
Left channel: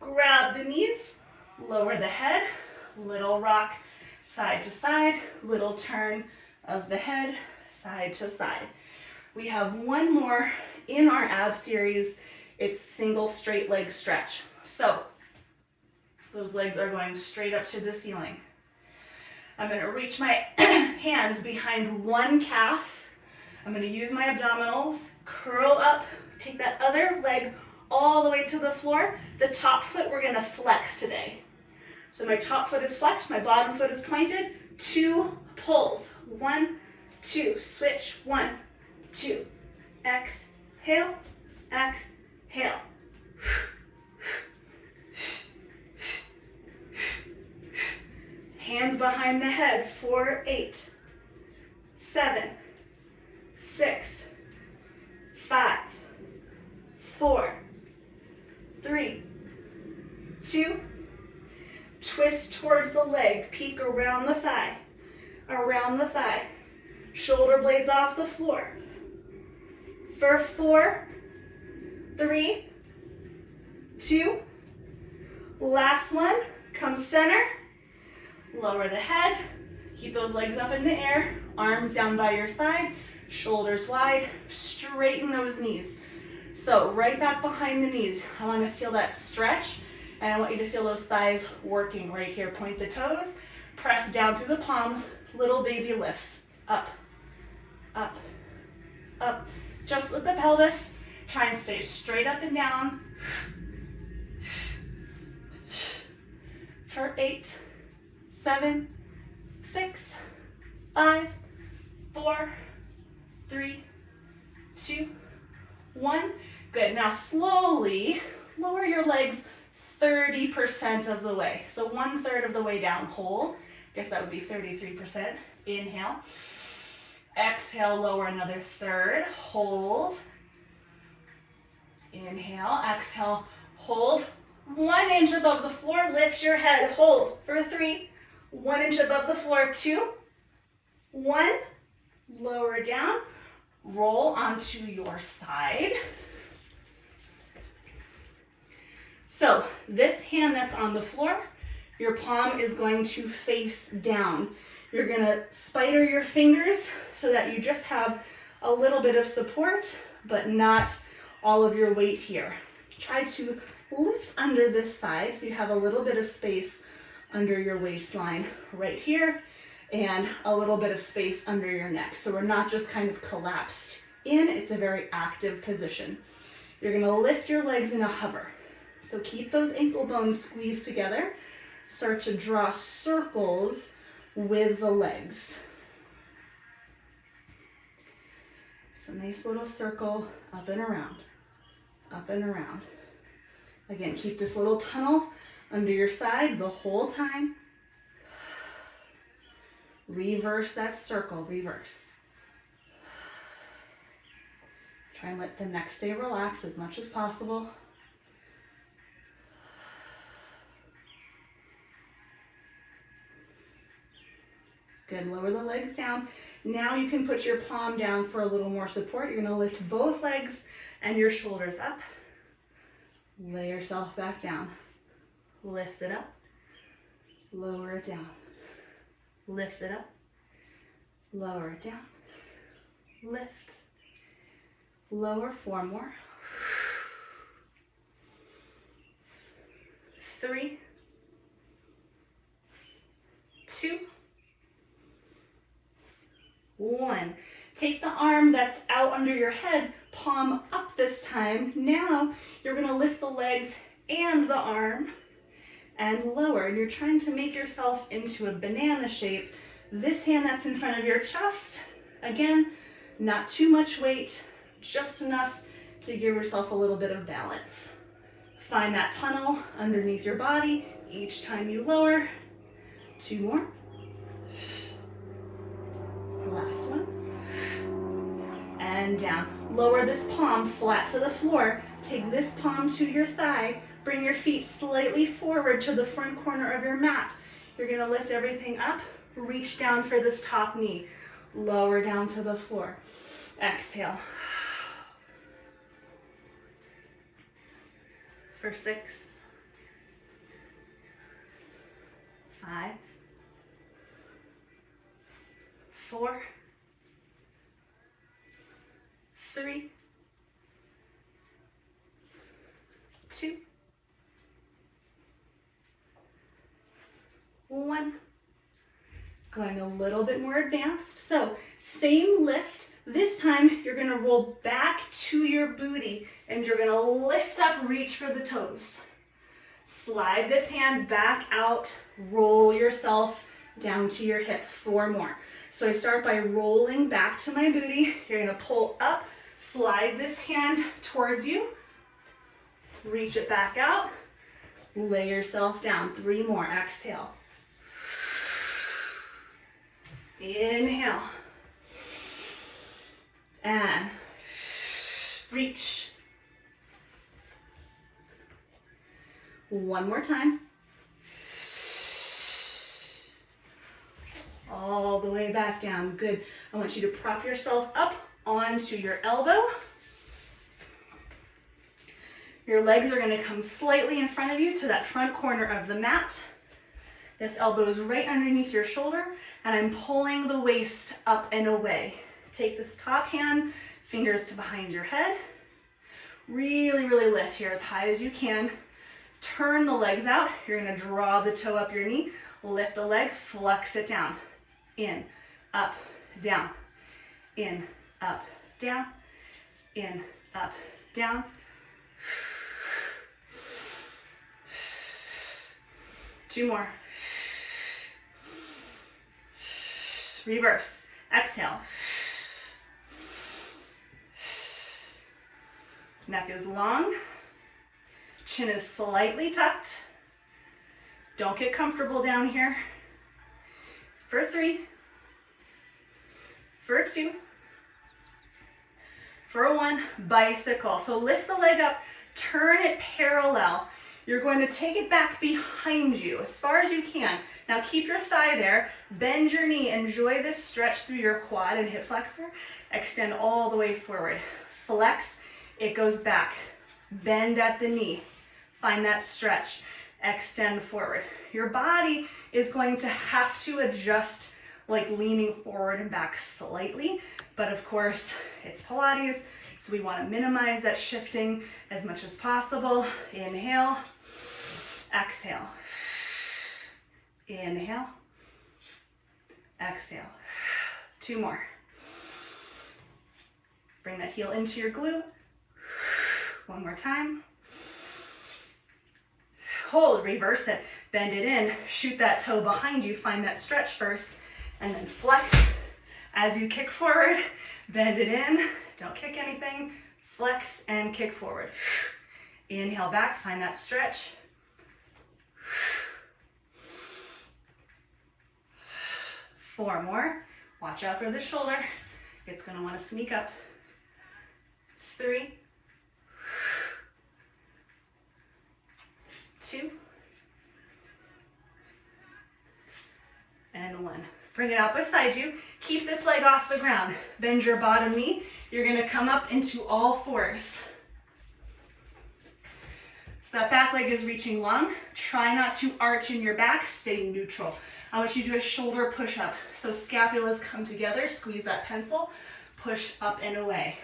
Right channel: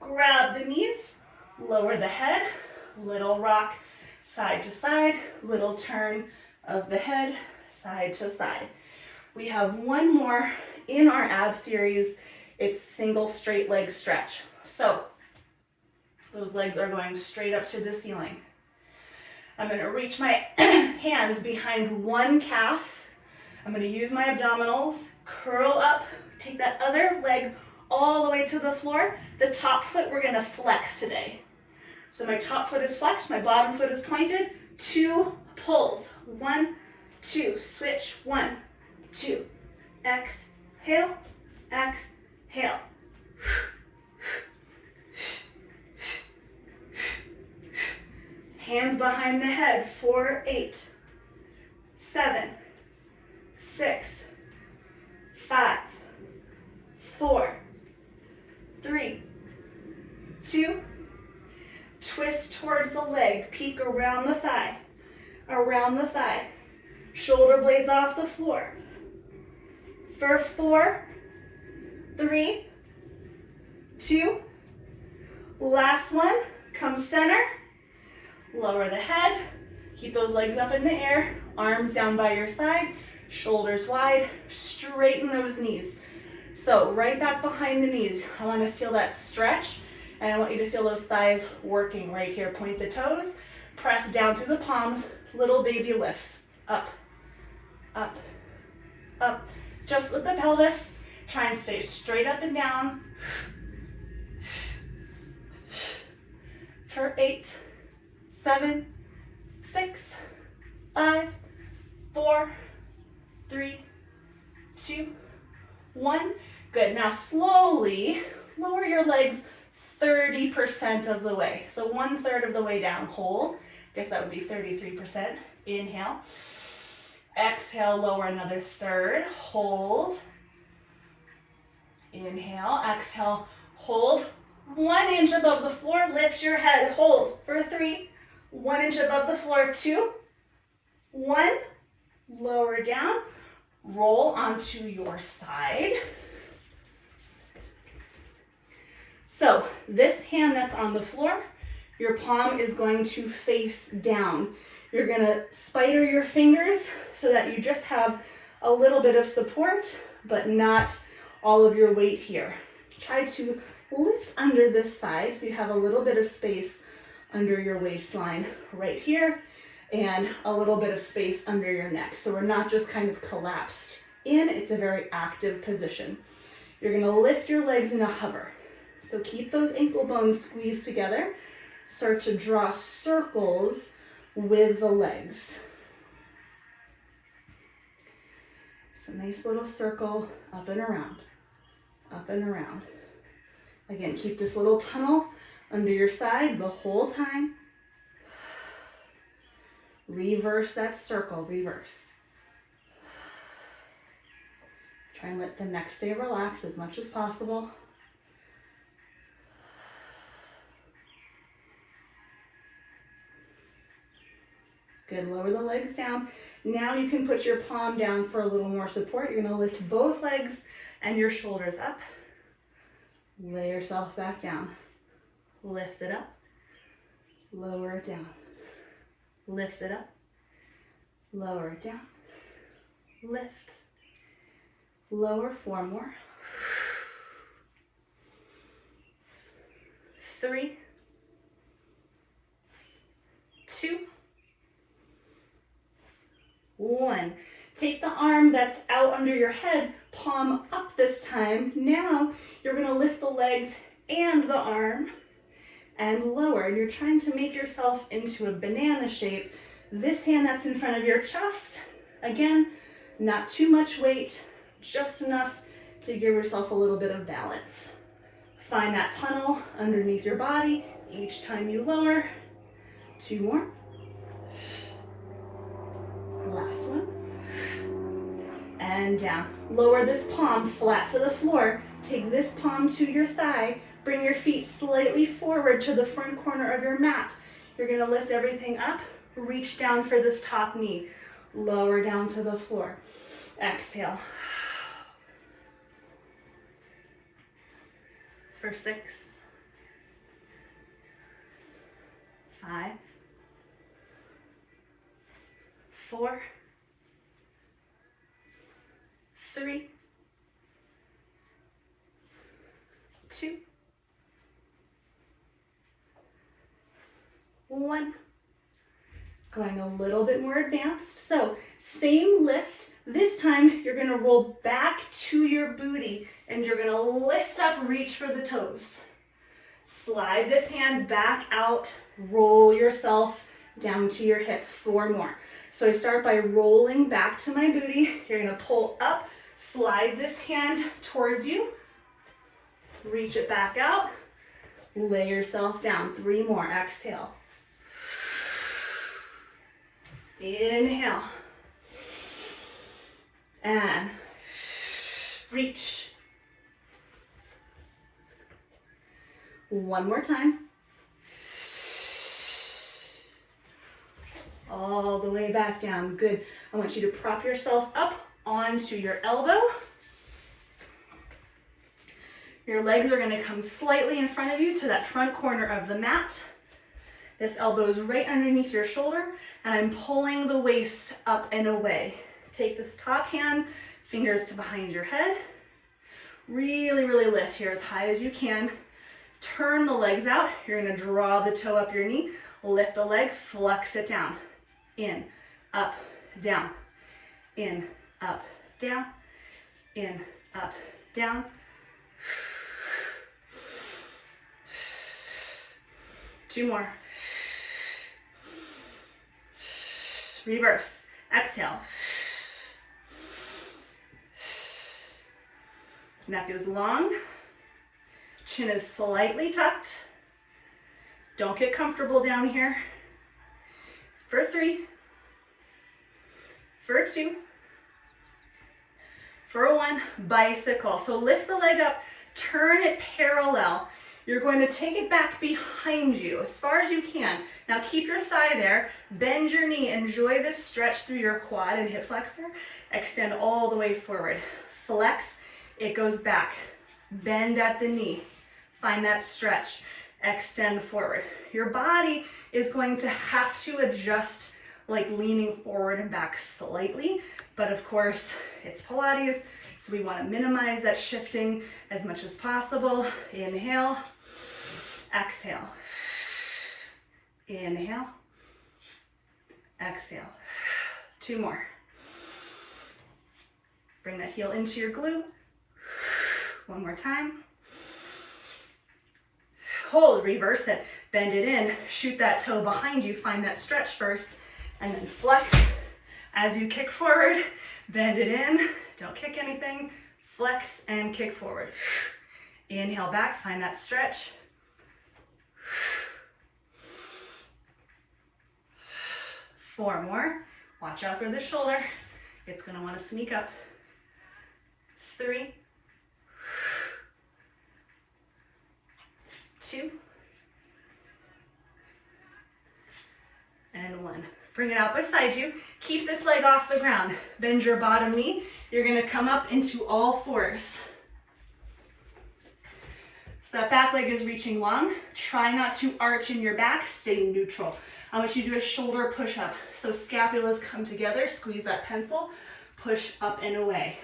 grab the knees, lower the head, little rock side to side, little turn of the head side to side. We have 1 more in our ab series. It's single straight leg stretch. So those legs are going straight up to the ceiling. I'm going to reach my hands behind one calf. I'm going to use my abdominals, curl up, take that other leg all the way to the floor. The top foot we're going to flex today. So my top foot is flexed, my bottom foot is pointed. 2 pulls. 1, 2. Switch. 1, 2. Exhale, exhale. Hands behind the head. 4, 8, 7, 6, 5, 4, 3, 2. Twist towards the leg, peek around the thigh, shoulder blades off the floor. For 4, 3, 2, last one, come center, lower the head, keep those legs up in the air, arms down by your side, Shoulders wide, straighten those knees. So right back behind the knees, I want to feel that stretch, and I want you to feel those thighs working right here. Point the toes, press down through the palms, little baby lifts. Up, up, up. Just with the pelvis, try and stay straight up and down. For 8, 7, 6, 5, 4, 3, 2, 1. Good. Now slowly lower your legs 30% of the way. So 1/3 of the way down. Hold. I guess that would be 33%. Inhale. Exhale, lower another third. Hold. Inhale. Exhale. Hold. 1 inch above the floor. Lift your head. Hold for 3. 1 inch above the floor. 2. 1. Lower down. Roll onto your side. So this hand that's on the floor, your palm is going to face down. You're going to spider your fingers so that you just have a little bit of support, but not all of your weight here. Try to lift under this side so you have a little bit of space under your waistline right here, and a little bit of space under your neck. So we're not just kind of collapsed in, it's a very active position. You're gonna lift your legs in a hover. So keep those ankle bones squeezed together. Start to draw circles with the legs. So nice little circle up and around, up and around. Again, keep this little tunnel under your side the whole time. Reverse that circle, reverse. Try and let the neck stay relaxed as much as possible. Good, lower the legs down. Now you can put your palm down for a little more support. You're gonna lift both legs and your shoulders up. Lay yourself back down. Lift it up. Lower it down. Lift it up. Lower it down. Lift. Lower. 4 more. 3, 2, 1. Take the arm that's out under your head, palm up this time. Now you're going to lift the legs and the arm and lower. You're trying to make yourself into a banana shape. This hand that's in front of your chest, again, not too much weight, just enough to give yourself a little bit of balance. Find that tunnel underneath your body each time you lower. 2 more. Last one. And down. Lower this palm flat to the floor. Take this palm to your thigh. Bring your feet slightly forward to the front corner of your mat. You're going to lift everything up. Reach down for this top knee. Lower down to the floor. Exhale. For 6, 5, 4, 3, 2, 1. Going a little bit more advanced. So same lift. This time you're going to roll back to your booty and you're going to lift up, reach for the toes. Slide this hand back out, roll yourself down to your hip. 4 more. So I start by rolling back to my booty. You're going to pull up, slide this hand towards you, reach it back out, lay yourself down. 3 more. Exhale. Inhale. And reach. 1 more time. All the way back down. Good. I want you to prop yourself up onto your elbow. Your legs are going to come slightly in front of you to that front corner of the mat. This elbow is right underneath your shoulder, and I'm pulling the waist up and away. Take this top hand, fingers to behind your head. Really, really lift here as high as you can. Turn the legs out. You're gonna draw the toe up your knee, lift the leg, flex it down. In, up, down. In, up, down. In, up, down. Two more. Reverse. Exhale. Neck is long. Chin is slightly tucked. Don't get comfortable down here. For 3. For 2. For 1. Bicycle. So lift the leg up, turn it parallel. You're going to take it back behind you as far as you can. Now keep your thigh there, bend your knee, enjoy this stretch through your quad and hip flexor. Extend all the way forward. Flex, it goes back. Bend at the knee, find that stretch, extend forward. Your body is going to have to adjust, like leaning forward and back slightly, but of course it's Pilates, so we want to minimize that shifting as much as possible. Inhale, exhale. Inhale, exhale. 2 more. Bring that heel into your glute. 1 more time. Hold, reverse it, bend it in, shoot that toe behind you, find that stretch first, and then flex as you kick forward, bend it in, don't kick anything, flex and kick forward. Inhale back, find that stretch. 4 more. Watch out for the shoulder. It's going to want to sneak up. 3, 2, and 1. Bring it out beside you. Keep this leg off the ground. Bend your bottom knee. You're going to come up into all 4s. So that back leg is reaching long. Try not to arch in your back. Stay neutral. I want you to do a shoulder push-up. So scapulas come together. Squeeze that pencil. Push up and away.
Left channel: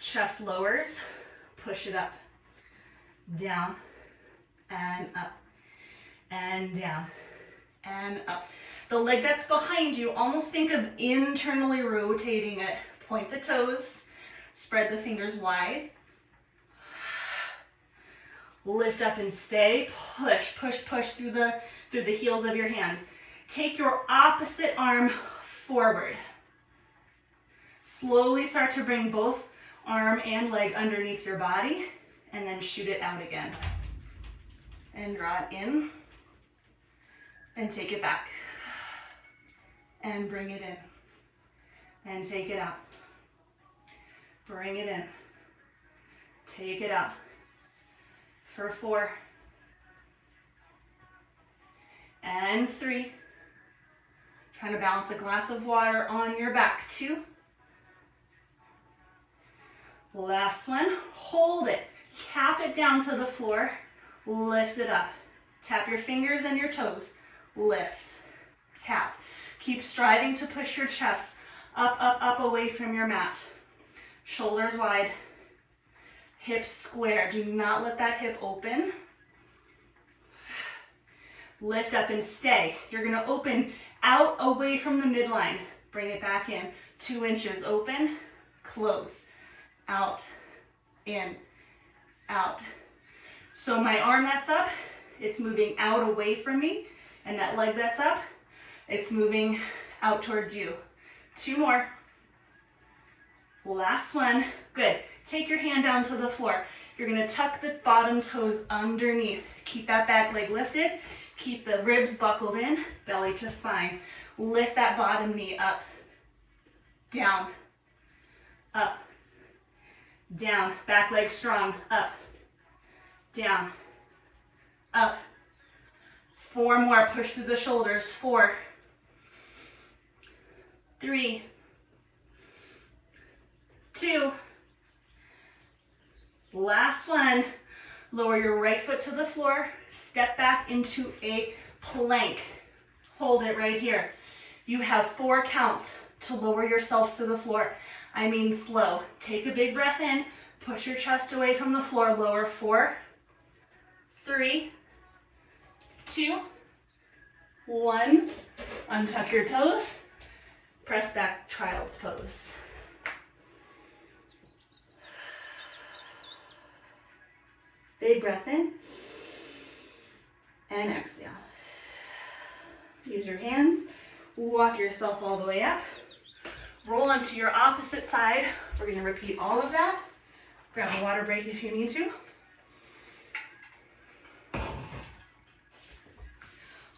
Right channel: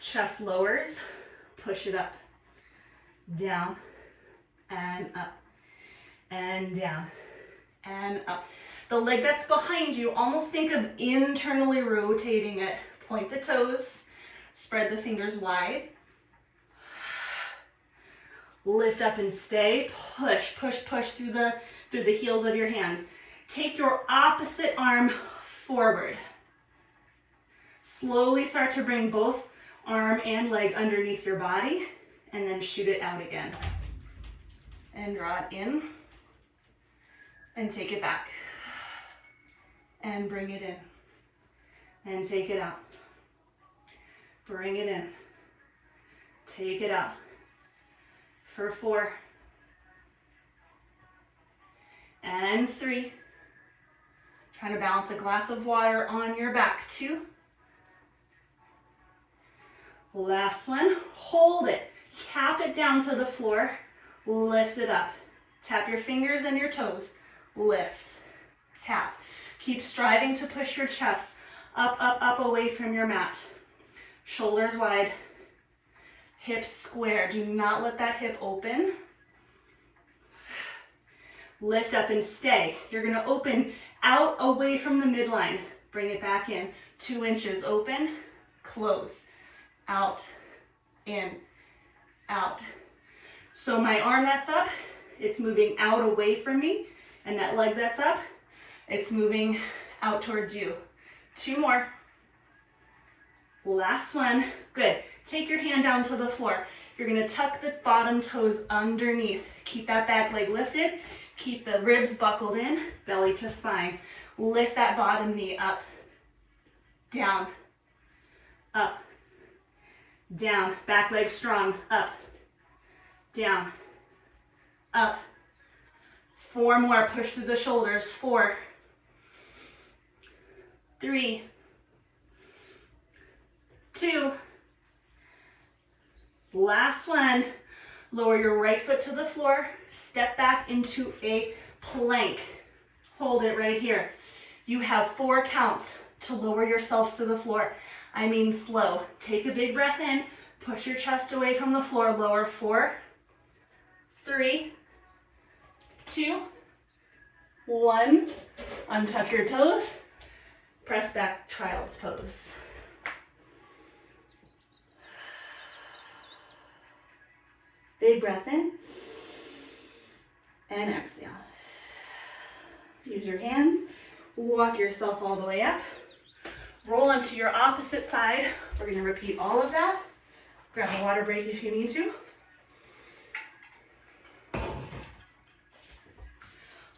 Chest lowers. Push it up. Down. And up. And down. And up. The leg that's behind you, almost think of internally rotating it. Point the toes. Spread the fingers wide. Lift up and stay. Push, push, push through the heels of your hands. Take your opposite arm forward. Slowly start to bring both arm and leg underneath your body, and then shoot it out again. And draw it in, and take it back. And bring it in, and take it out. Bring it in, take it out. For 4, and 3. Trying to balance a glass of water on your back. 2. Last one, hold it. Tap it down to the floor, lift it up. Tap your fingers and your toes, lift, tap. Keep striving to push your chest up, up, up away from your mat. Shoulders wide. Hips square. Do not let that hip open. Lift up and stay. You're going to open out away from the midline. Bring it back in. 2 inches open, close, out, in, out. So my arm that's up, it's moving out away from me, and that leg that's up, it's moving out towards you. 2 more. Last one. Good. Take your hand down to the floor. You're going to tuck the bottom toes underneath. Keep that back leg lifted. Keep the ribs buckled in, belly to spine. Lift that bottom knee up, down, up, down. Back leg strong, up, down, up. 4 more. Push through the shoulders. 4, 3, 2. Last one. Lower your right foot to the floor. Step back into a plank. Hold it right here. You have 4 counts. to lower yourself to the floor. I mean slow. Take a big breath in, push your chest away from the floor, lower 4, 3, 2, 1. Untuck your toes, press back, child's pose. Big breath in and exhale. Use your hands, walk yourself all the way up. Roll onto your opposite side. We're going to repeat all of that. Grab a water break if you need to.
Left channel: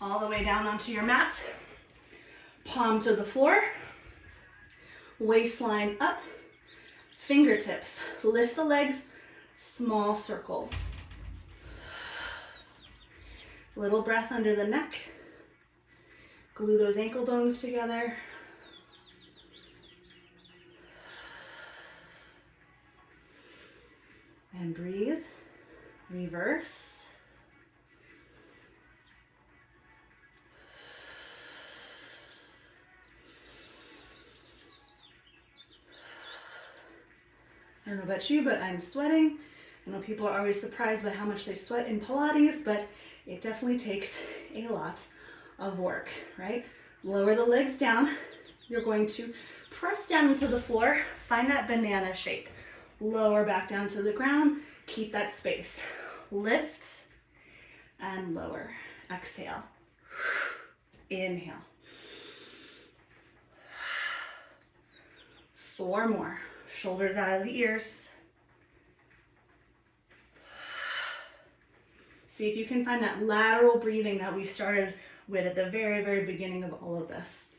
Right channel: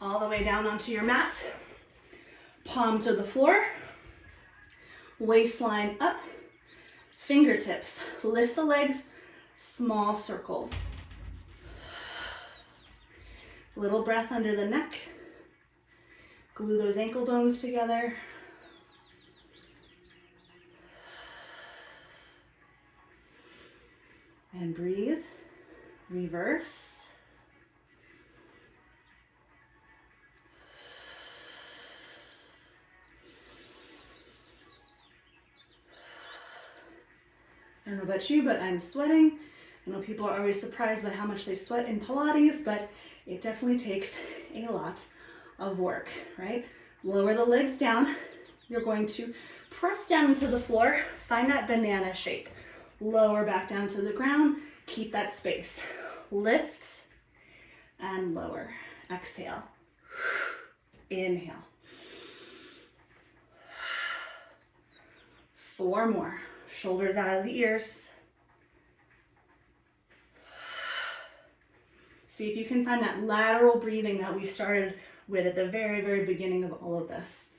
All the way down onto your mat. Palm to the floor. Waistline up. Fingertips. Lift the legs. Small circles. Little breath under the neck. Glue those ankle bones together. And breathe. Reverse. I don't know about you, but I'm sweating. I know people are always surprised by how much they sweat in Pilates, but it definitely takes a lot of work, right? Lower the legs down. You're going to press down into the floor, find that banana shape. Lower back down to the ground, keep that space. Lift and lower. Exhale. Inhale. 4 more. Shoulders out of the ears. See if you can find that lateral breathing that we started with at the very, very beginning of all of this.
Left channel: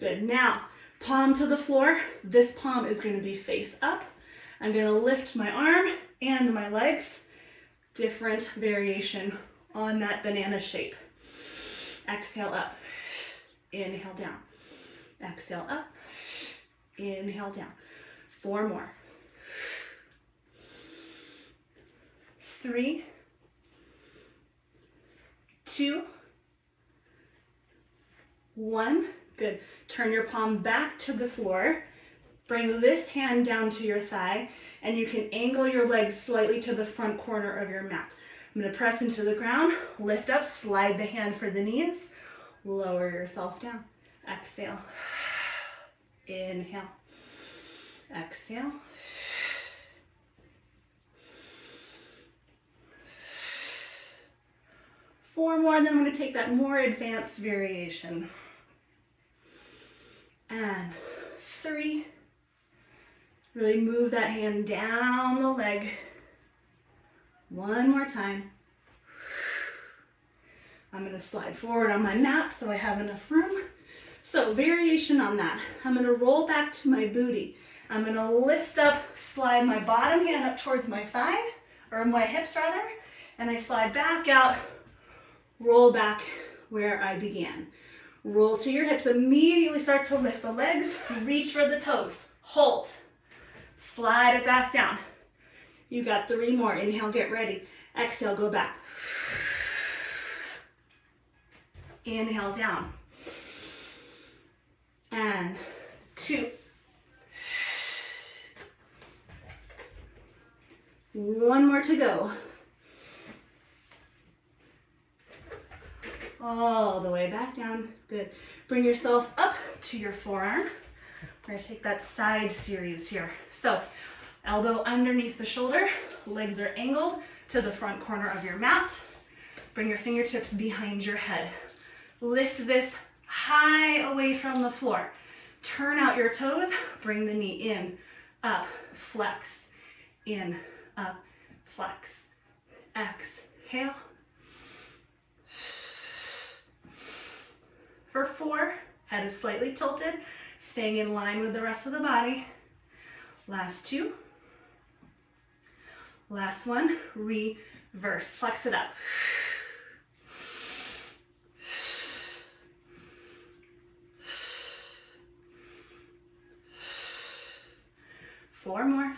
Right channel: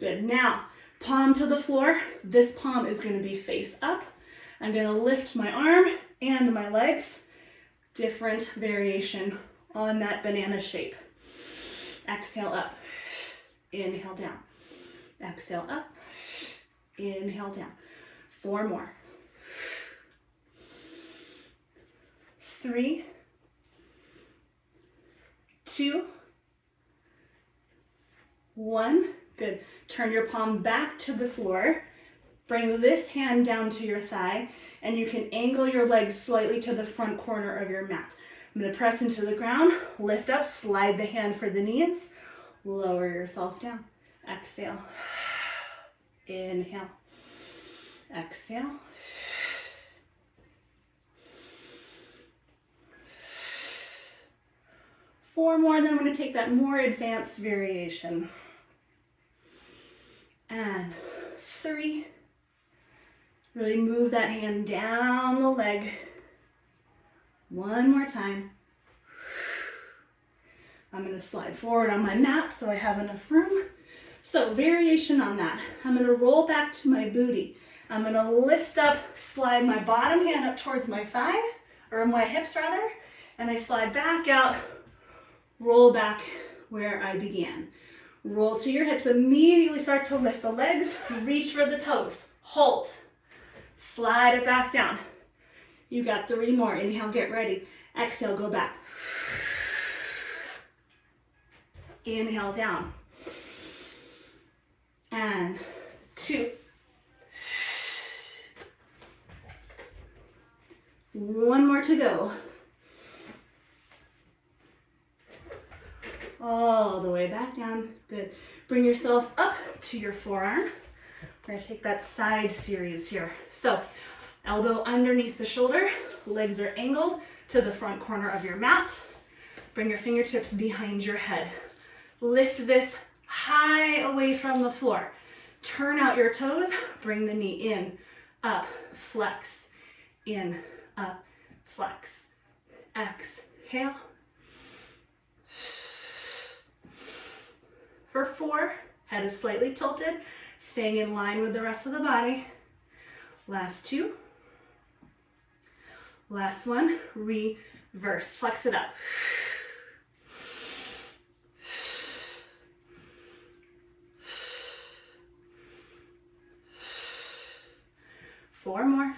Good. Now, palm to the floor. This palm is going to be face up. I'm going to lift my arm and my legs. Different variation on that banana shape. Exhale up. Inhale down. Exhale up. Inhale down. 4 more. 3, 2, 1. Good. Turn your palm back to the floor. Bring this hand down to your thigh, and you can angle your legs slightly to the front corner of your mat. I'm going to press into the ground, lift up, slide the hand for the knees, lower yourself down. Exhale. Inhale. Exhale. Four more, then I'm going to take that more advanced variation. And 3. Really move that hand down the leg. 1 more time. I'm going to slide forward on my mat so I have enough room. So variation on that. I'm going to roll back to my booty. I'm going to lift up, slide my bottom hand up towards my thigh, or my hips rather, and I slide back out, roll back where I began. Roll to your hips, immediately start to lift the legs, reach for the toes, hold, slide it back down. You got 3 more. Inhale, get ready. Exhale, go back. Inhale, down. And 2. 1 more to go. All the way back down. Good. Bring yourself up to your forearm. We're going to take that side series here. So, elbow underneath the shoulder, legs are angled to the front corner of your mat. Bring your fingertips behind your head. Lift this high away from the floor. Turn out your toes, bring the knee in, up, flex, in, up, flex. Exhale. For 4, head is slightly tilted, staying in line with the rest of the body. Last 2. Last 1, reverse, flex it up. 4 more.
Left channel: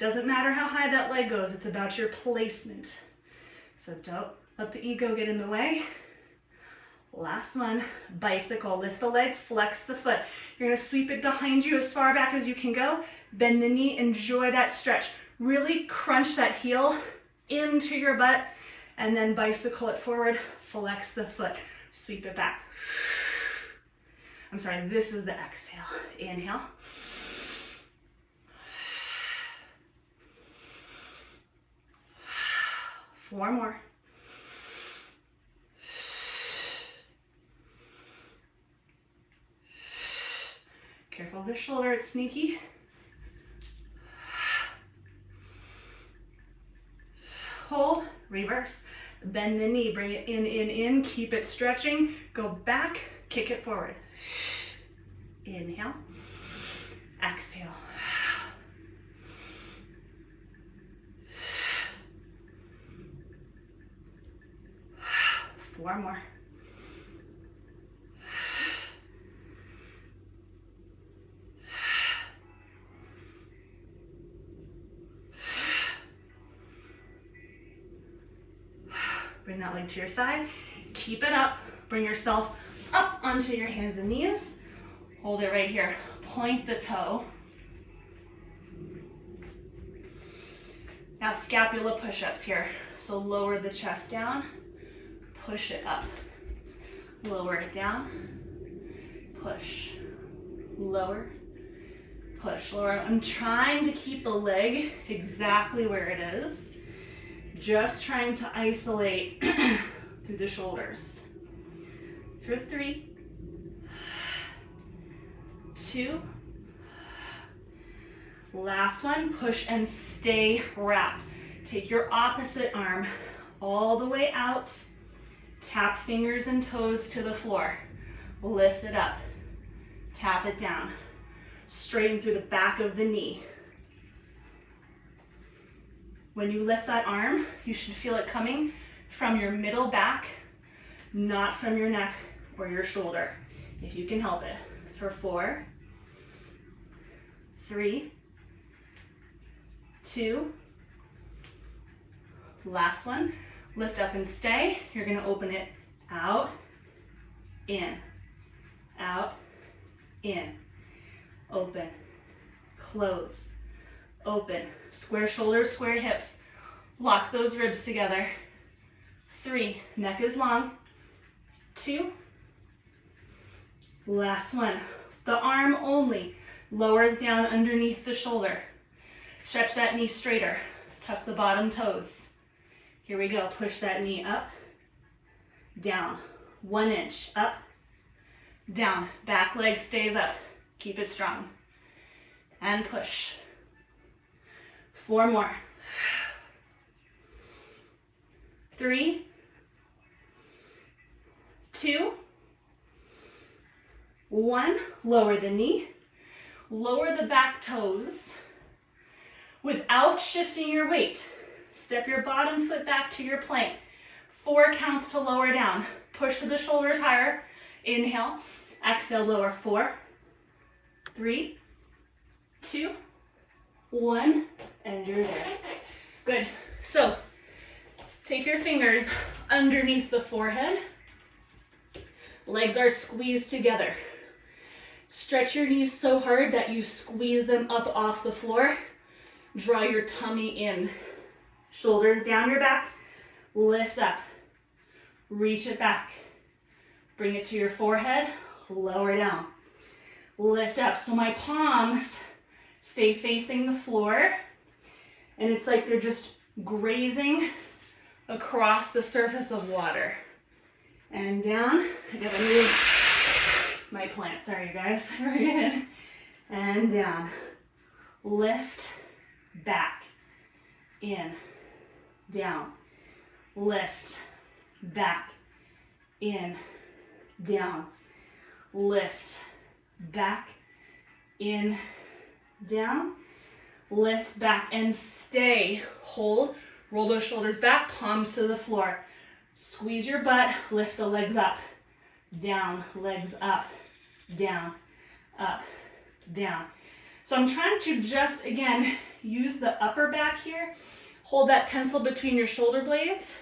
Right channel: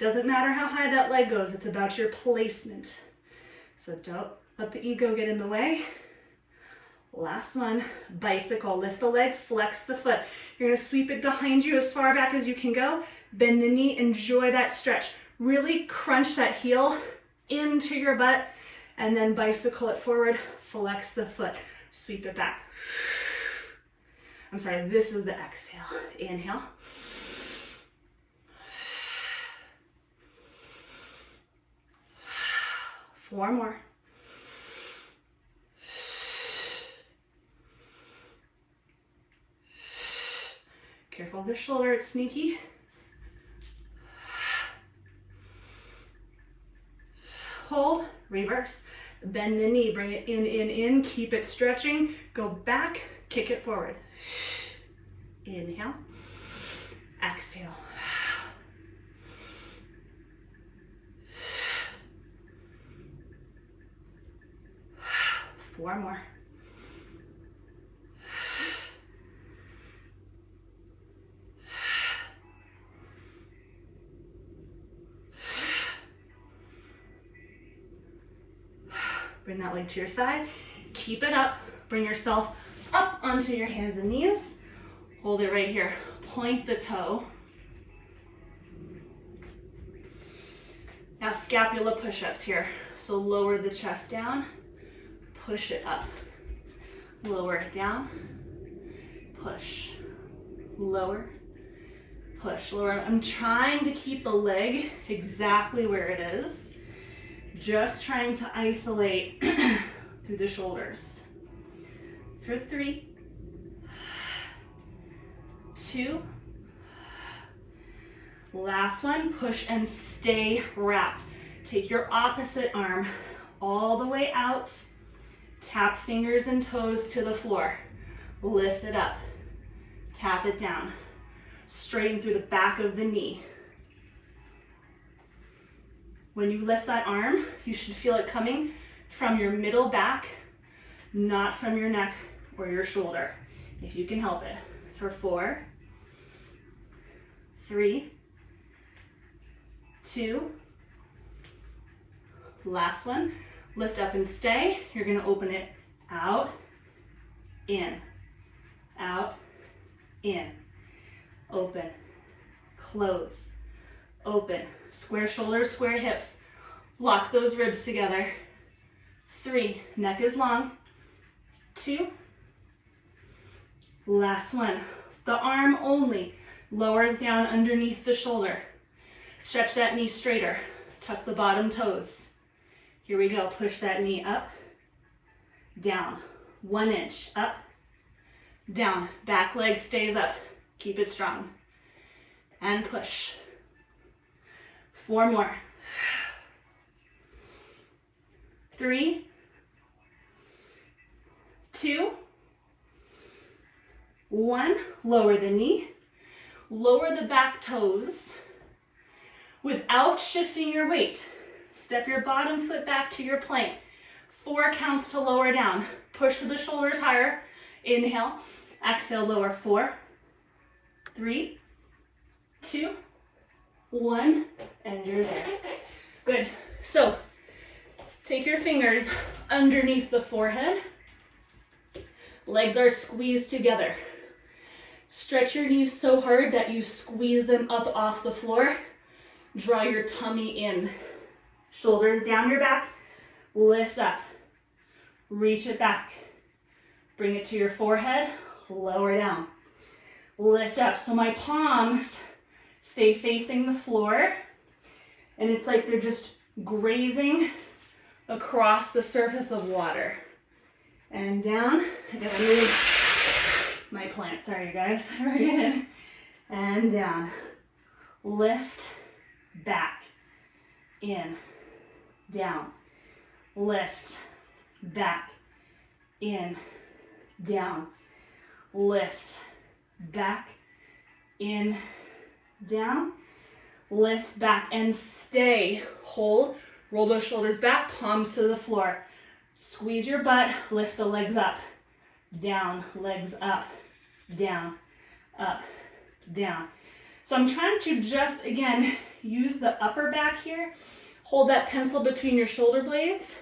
Doesn't matter how high that leg goes, it's about your placement. So don't let the ego get in the way. Last one, bicycle. Lift the leg, flex the foot. You're gonna sweep it behind you as far back as you can go. Bend the knee, enjoy that stretch. Really crunch that heel into your butt and then bicycle it forward, flex the foot, sweep it back. I'm sorry, this is the exhale. Inhale. Four more. Careful of the shoulder, it's sneaky. Hold, reverse. Bend the knee, bring it in, keep it stretching. Go back, kick it forward. Inhale, exhale. Four more. Bring that leg to your side. Keep it up. Bring yourself up onto your hands and knees. Hold it right here. Point the toe. Now scapula push-ups here. So lower the chest down. Push it up. Lower it down. Push. Lower. Push. Lower. I'm trying to keep the leg exactly where it is. Just trying to isolate through the shoulders. For 3, 2, last one, push and stay wrapped. Take your opposite arm all the way out, tap fingers and toes to the floor, lift it up, tap it down, straighten through the back of the knee. When you lift that arm, you should feel it coming from your middle back, not from your neck or your shoulder, if you can help it. For 4, 3, 2, last one. Lift up and stay. You're gonna open it out, in, open, close, open. Square shoulders, square hips. Lock those ribs together. 3, neck is long. 2, last one. The arm only lowers down underneath the shoulder. Stretch that knee straighter. Tuck the bottom toes. Here we go. Push that knee up, down. 1 inch, up, down. Back leg stays up. Keep it strong. And push. 4 more. 3, 2, 1. Lower the knee. Lower the back toes without shifting your weight. Step your bottom foot back to your plank. 4 counts to lower down. Push with the shoulders higher. Inhale. Exhale, lower. 4, 3, 2, 1, and you're there. Good. So take your fingers underneath the forehead. Legs are squeezed together. Stretch your knees so hard that you squeeze them up off the floor. Draw your tummy in. Shoulders down your back. Lift up. Reach it back. Bring it to your forehead. Lower down. Lift up. So my palms stay facing the floor, and it's like they're just grazing across the surface of water. And down. I gotta move my plant. Sorry, you guys. Again. And down. Lift. Back. In. Down. Lift. Back. In. Down. Lift. Back. In. Down, lift back and stay. Hold, roll those shoulders back, palms to the floor. Squeeze your butt, lift the legs up, down, legs up, down, up, down. So I'm trying to just, again, use the upper back here. Hold that pencil between your shoulder blades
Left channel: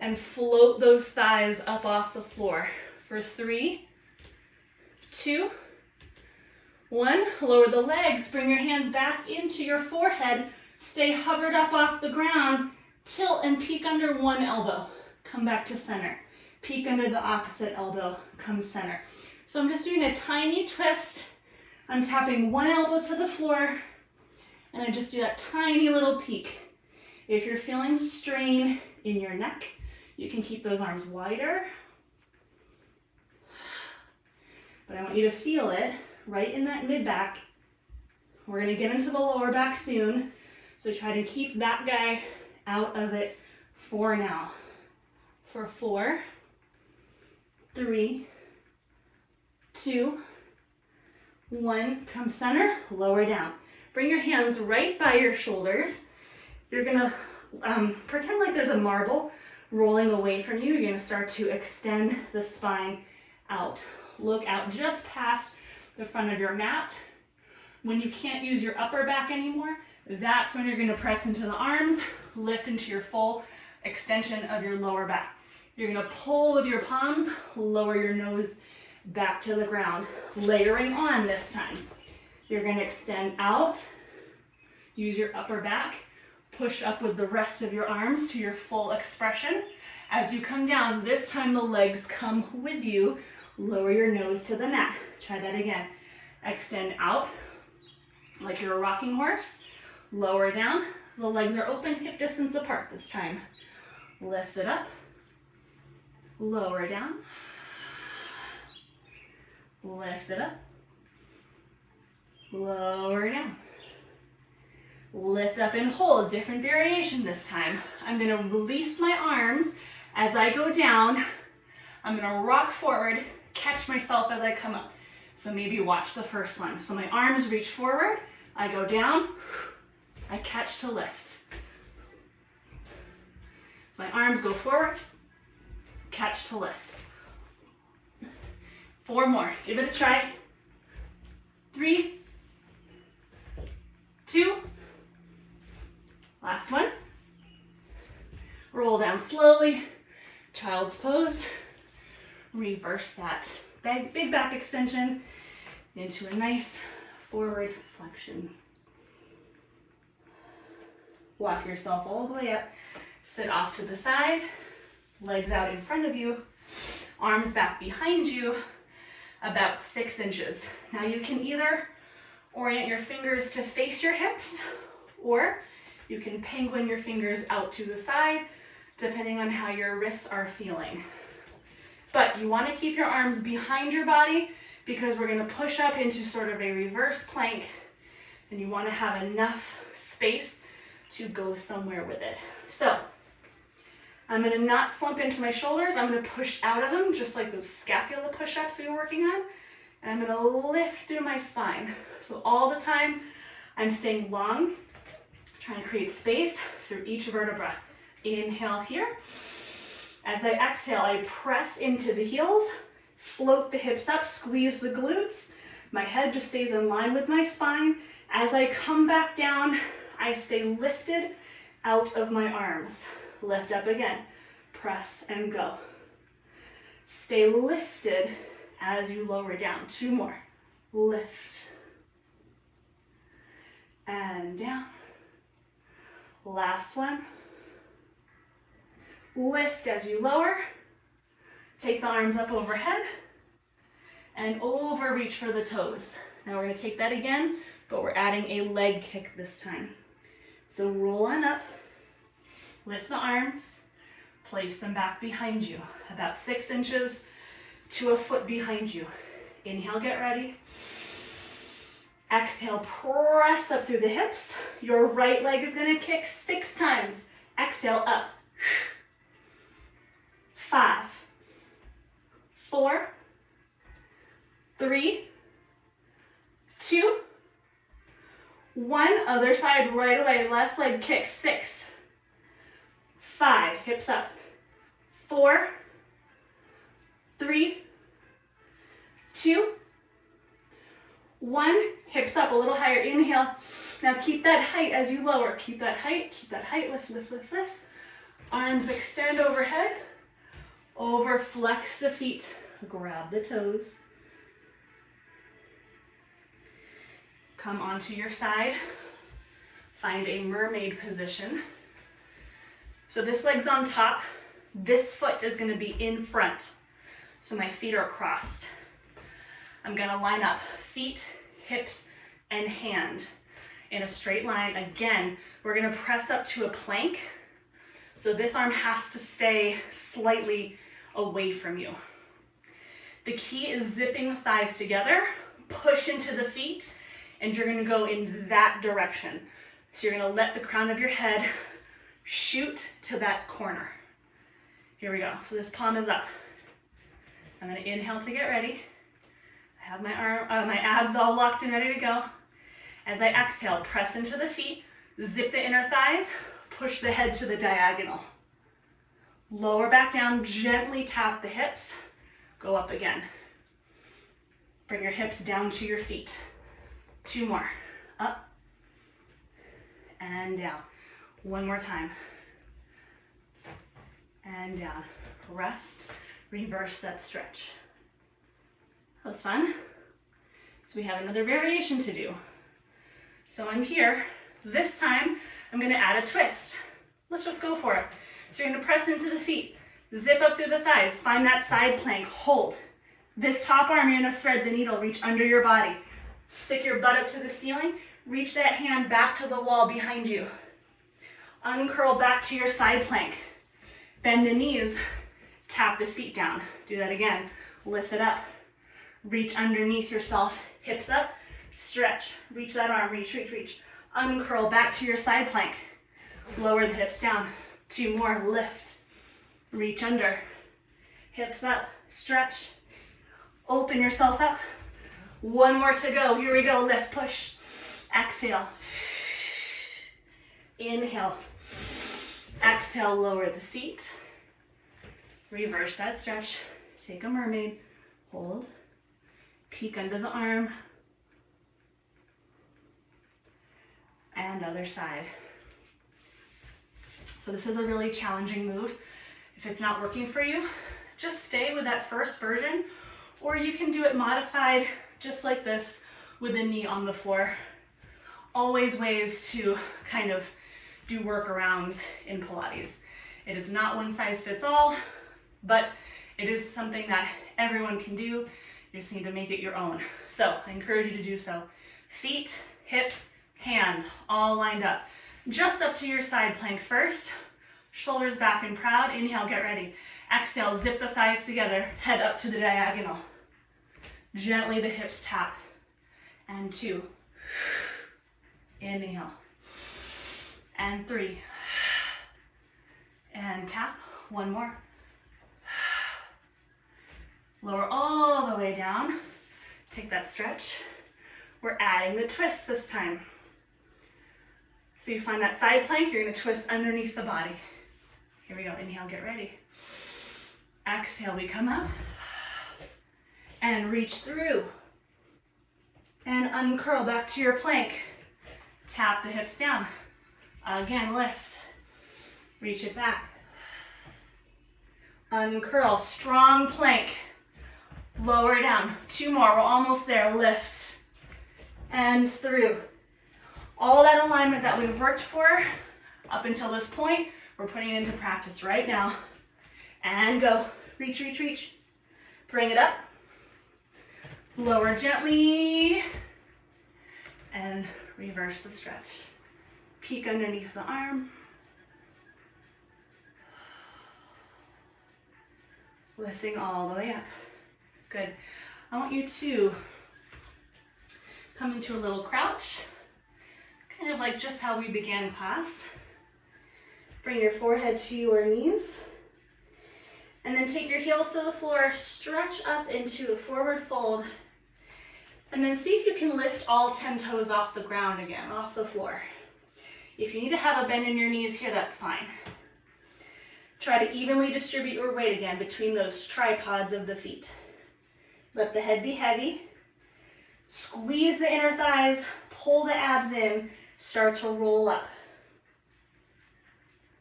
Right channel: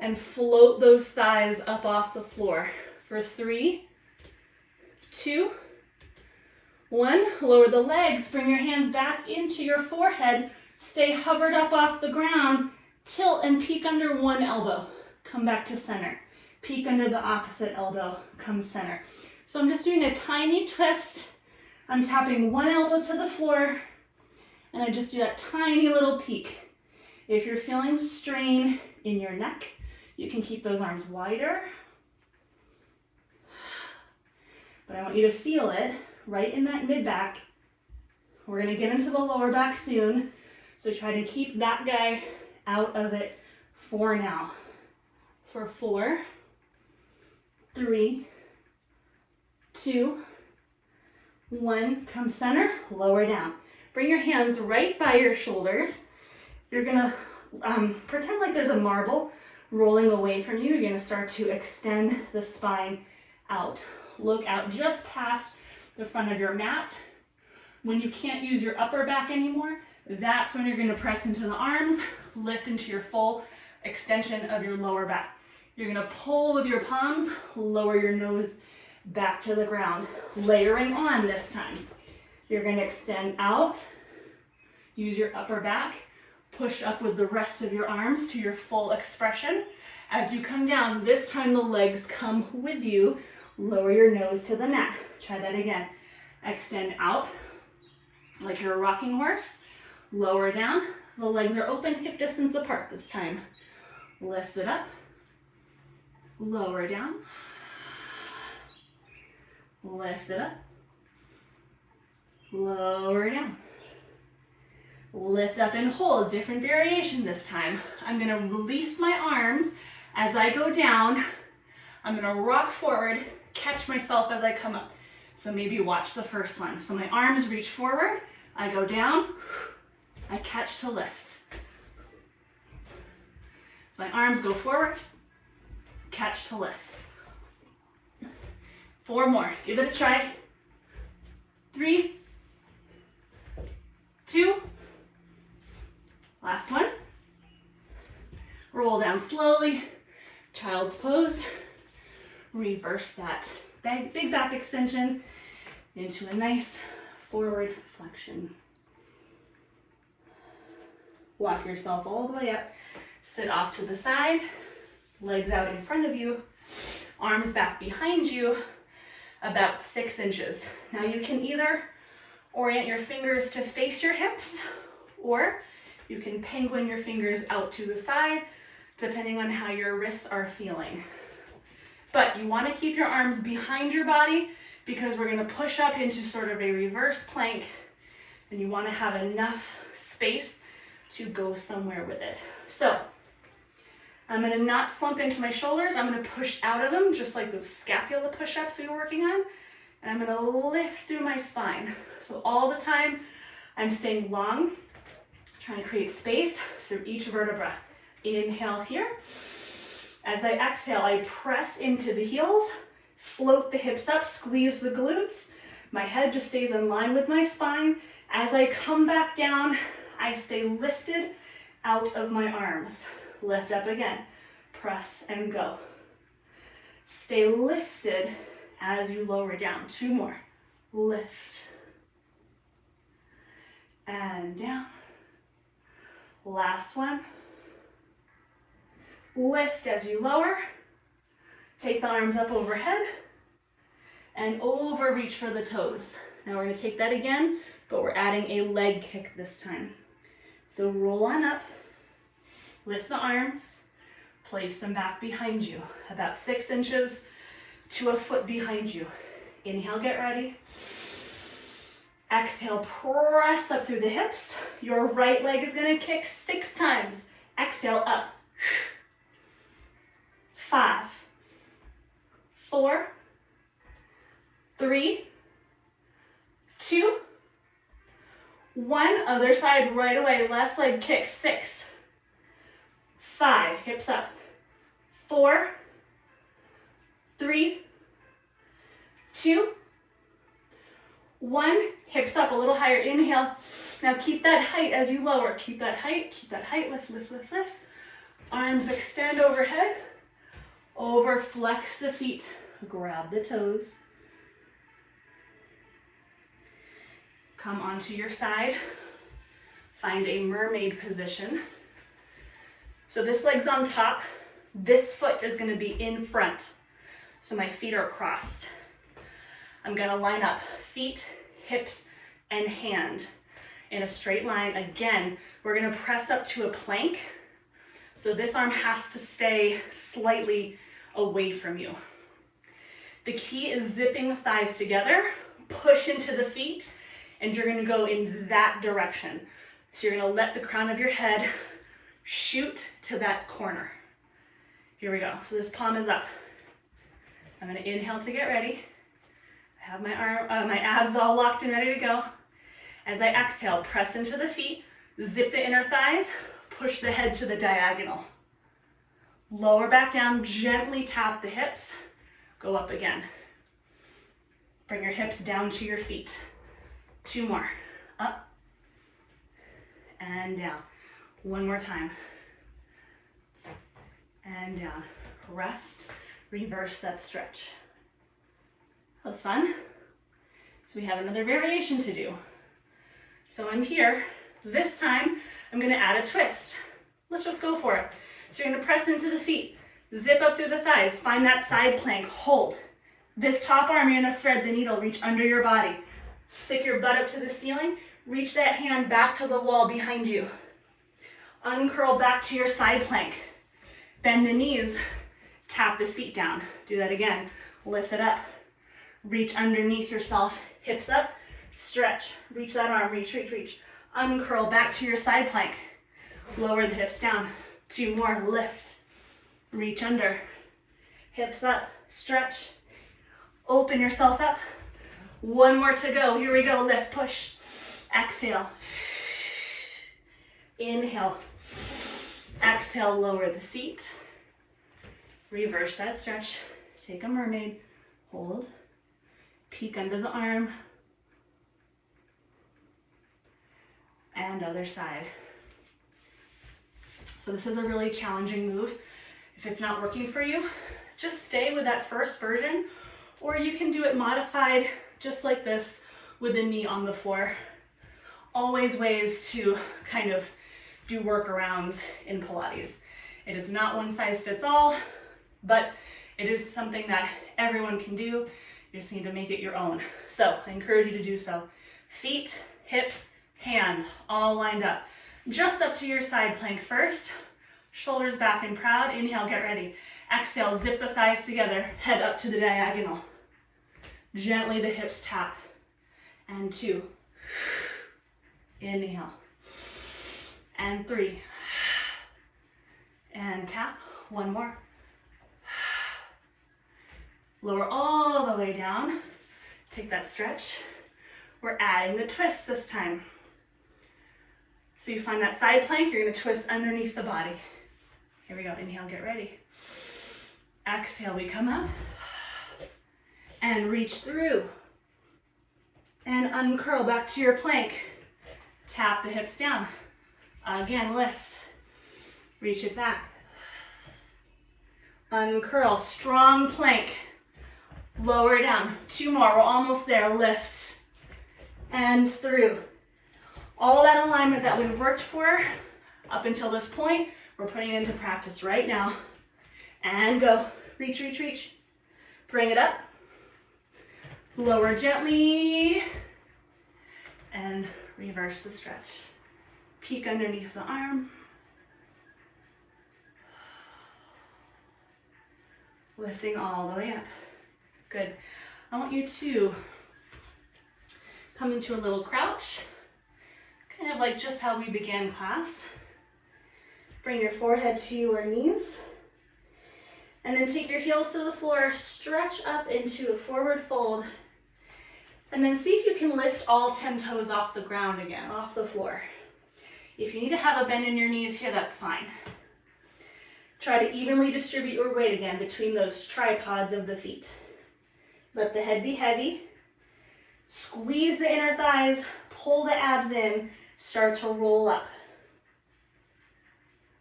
and float those thighs up off the floor. For 3, 2, 1. Lower the legs, bring your hands back into your forehead. Stay hovered up off the ground. Tilt and peek under one elbow. Come back to center. Peek under the opposite elbow. Come center. So I'm just doing a tiny twist. I'm tapping one elbow to the floor, and I just do that tiny little peek. If you're feeling strain in your neck, you can keep those arms wider. But I want you to feel it right in that mid-back. We're gonna get into the lower back soon, so try to keep that guy out of it for now. For 4, 3, 2, 1, come center, lower down. Bring your hands right by your shoulders. You're gonna pretend like there's a marble rolling away from you. You're gonna start to extend the spine out. Look out just past the front of your mat. When you can't use your upper back anymore, that's when you're gonna press into the arms, lift into your full extension of your lower back. You're gonna pull with your palms, lower your nose back to the ground, layering on this time. You're gonna extend out, use your upper back, push up with the rest of your arms to your full expression. As you come down, this time the legs come with you, lower your nose to the mat. Try that again. Extend out like you're a rocking horse, lower down, the legs are open, hip distance apart this time. Lift it up, lower down, lift it up, lower down. Lift up and hold, different variation this time. I'm gonna release my arms as I go down. I'm gonna rock forward, catch myself as I come up. So maybe watch the first one. So my arms reach forward, I go down, I catch to lift. My arms go forward, catch to lift. 4 more, give it a try. 3, 2, last one. Roll down slowly, child's pose. Reverse that big back extension into a nice forward flexion. Walk yourself all the way up, sit off to the side, legs out in front of you, arms back behind you, about 6 inches. Now you can either orient your fingers to face your hips, or you can penguin your fingers out to the side, depending on how your wrists are feeling. But you want to keep your arms behind your body because we're going to push up into sort of a reverse plank, and you want to have enough space to go somewhere with it. So I'm going to not slump into my shoulders. I'm going to push out of them, just like those scapula push-ups we were working on. And I'm going to lift through my spine. So all the time I'm staying long, trying to create space through each vertebra. Inhale here. As I exhale, I press into the heels, float the hips up, squeeze the glutes. My head just stays in line with my spine. As I come back down, I stay lifted out of my arms. Lift up again, press and go. Stay lifted as you lower down. 2 more. Lift. And down. Last one. Lift as you lower. Take the arms up overhead and overreach for the toes. Now we're going to take that again, but we're adding a leg kick this time. So roll on up, lift the arms, place them back behind you, about 6 inches to a foot behind you. Inhale, get ready. Exhale, press up through the hips. Your right leg is going to kick 6 times. Exhale, up. 5, 4, 3, 2, 1. Other side right away. Left leg kick. 6, 5. Hips up. 4, 3, 2, 1. Hips up a little higher. Inhale. Now keep that height as you lower. Keep that height. Keep that height. Lift, lift, lift, lift. Arms extend overhead. Over flex the feet. Grab the toes. Come onto your side. Find a mermaid position. So this leg's on top. This foot is going to be in front. So my feet are crossed. I'm going to line up feet, hips, and hand in a straight line. Again, we're going to press up to a plank. So this arm has to stay slightly away from you. The key is zipping the thighs together, push into the feet, and you're going to go in that direction. So you're going to let the crown of your head shoot to that corner. Here we go. So this palm is up. I'm going to inhale to get ready. I have my abs all locked and ready to go. As I exhale, press into the feet, zip the inner thighs, push the head to the diagonal. Lower back down, gently tap the hips, go up again. Bring your hips down to your feet. 2 more. Up and down. 1 more time. And down. Rest, reverse that stretch. That was fun. So we have another variation to do. So I'm here. This time, I'm gonna add a twist. Let's just go for it. So you're gonna press into the feet, zip up through the thighs, find that side plank, hold. This top arm, you're gonna thread the needle, reach under your body. Stick your butt up to the ceiling, reach that hand back to the wall behind you. Uncurl back to your side plank. Bend the knees, tap the seat down. Do that again. Lift it up. Reach underneath yourself, hips up, stretch. Reach that arm, reach, reach, reach. Uncurl back to your side plank. Lower the hips down. 2 more, lift. Reach under. Hips up, stretch. Open yourself up. 1 more to go. Here we go, lift, push. Exhale. Inhale. Exhale, lower the seat. Reverse that stretch. Take a mermaid. Hold. Peek under the arm. And other side. So this is a really challenging move. If it's not working for you, just stay with that first version, or you can do it modified just like this with the knee on the floor. Always ways to kind of do workarounds in Pilates. It is not one size fits all, but it is something that everyone can do. You just need to make it your own. So I encourage you to do so. Feet, hips, hand, all lined up. Just up to your side plank first. Shoulders back and proud. Inhale, get ready. Exhale, zip the thighs together. Head up to the diagonal. Gently the hips tap. And 2. Inhale. And 3. And tap. 1 more. Lower all the way down. Take that stretch. We're adding the twist this time. So you find that side plank, you're gonna twist underneath the body. Here we go, inhale, get ready. Exhale, we come up and reach through. And uncurl back to your plank. Tap the hips down. Again, lift. Reach it back. Uncurl, strong plank. Lower down, 2 more, we're almost there, lift. And through. All that alignment that we've worked for up until this point, we're putting it into practice right now. And go. Reach, reach, reach. Bring it up. Lower gently. And reverse the stretch. Peek underneath the arm. Lifting all the way up. Good. I want you to come into a little crouch. Kind of like just how we began class. Bring your forehead to your knees. And then take your heels to the floor, stretch up into a forward fold. And then see if you can lift all 10 toes off the ground again, off the floor. If you need to have a bend in your knees here, that's fine. Try to evenly distribute your weight again between those tripods of the feet. Let the head be heavy. Squeeze the inner thighs, pull the abs in, start to roll up.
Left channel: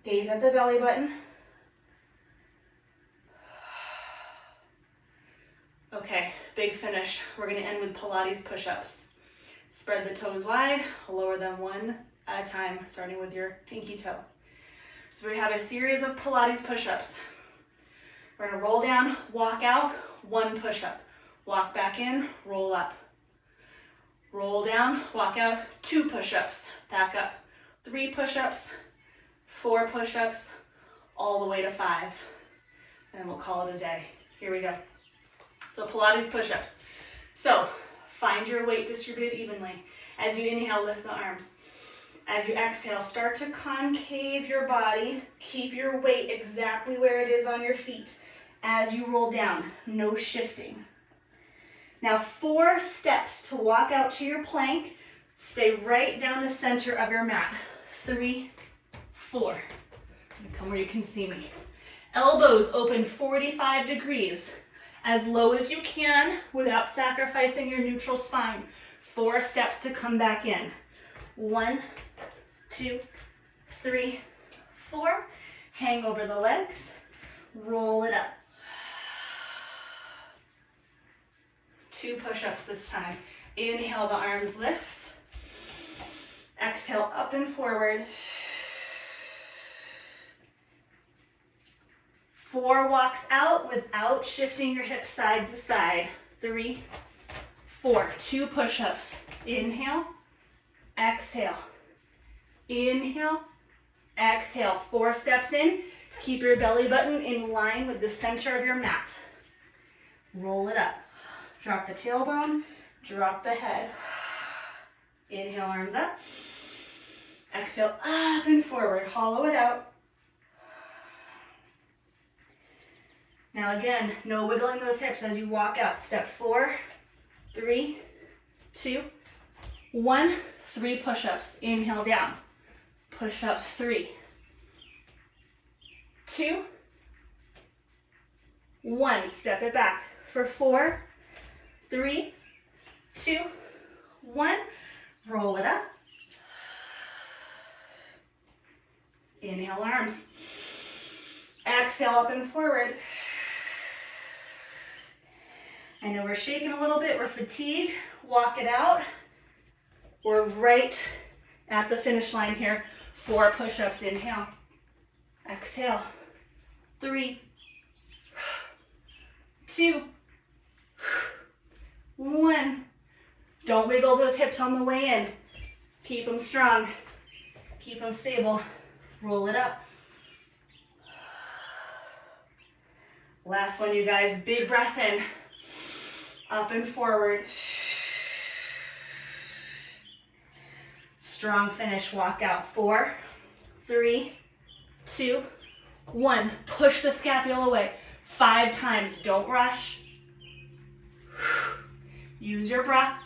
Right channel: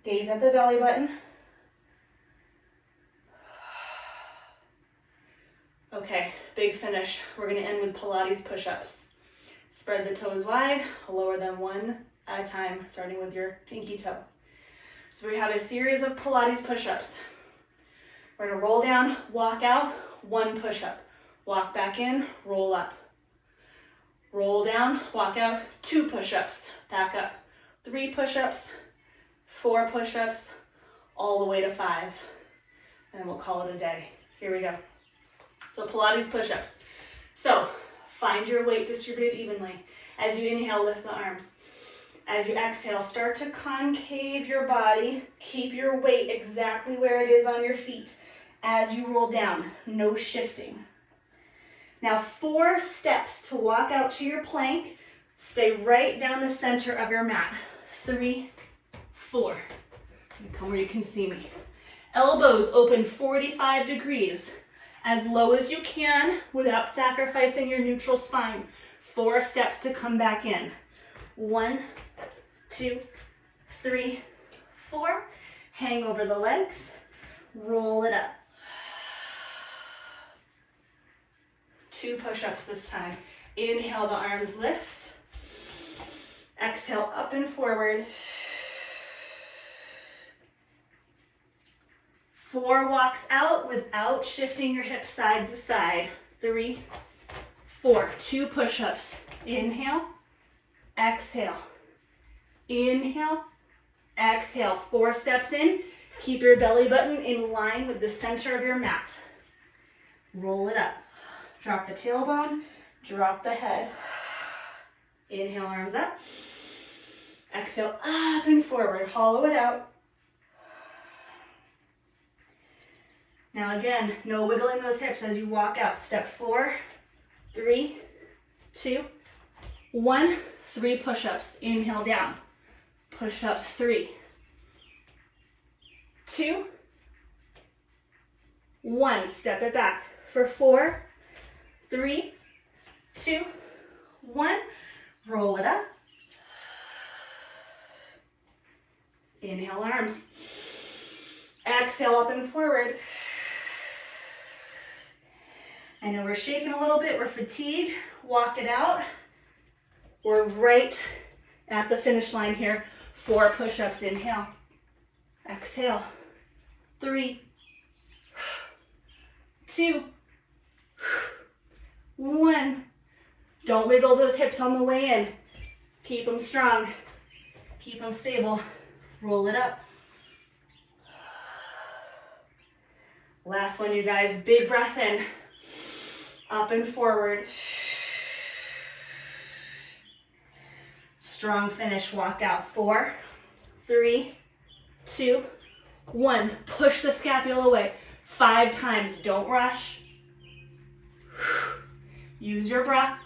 Gaze at the belly button. Okay, big finish. We're gonna end with Pilates push-ups. Spread the toes wide, lower them one at a time, starting with your pinky toe. So we have a series of Pilates push-ups. We're gonna roll down, walk out, one push-up. Walk back in, roll up. Roll down, walk out, two push-ups, back up. 3 push-ups, 4 push-ups, all the way to 5. And we'll call it a day. Here we go. So Pilates push-ups. So find your weight distributed evenly. As you inhale, lift the arms. As you exhale, start to concave your body. Keep your weight exactly where it is on your feet. As you roll down, no shifting. Now 4 steps to walk out to your plank. Stay right down the center of your mat. 3, 4. Come where you can see me. Elbows open 45 degrees. As low as you can without sacrificing your neutral spine. 4 steps to come back in. 1, 2, 3, 4. Hang over the legs. Roll it up. 2 push-ups this time. Inhale, the arms lift. Exhale, up and forward. 4 walks out without shifting your hips side to side. 3, 4. 2 push-ups. Inhale, exhale. Inhale, exhale. 4 steps in. Keep your belly button in line with the center of your mat. Roll it up. Drop the tailbone, drop the head. Inhale, arms up. Exhale, up and forward. Hollow it out. Now again, no wiggling those hips as you walk out. Step 4, 3, 2, 1. 3 push-ups. Inhale down. Push up 3, 2, 1. Step it back for 4, 3, 2, 1. Roll it up. Inhale, arms. Exhale, up and forward. I know we're shaking a little bit, we're fatigued. Walk it out. We're right at the finish line here. 4 push-ups, inhale. Exhale. 3, 2, 1. Don't wiggle those hips on the way in. Keep them strong. Keep them stable. Roll it up. Last one, you guys. Big breath in. Up and forward. Strong finish. Walk out. 4, 3, 2, 1. Push the scapula away. 5 times. Don't rush. Use your breath.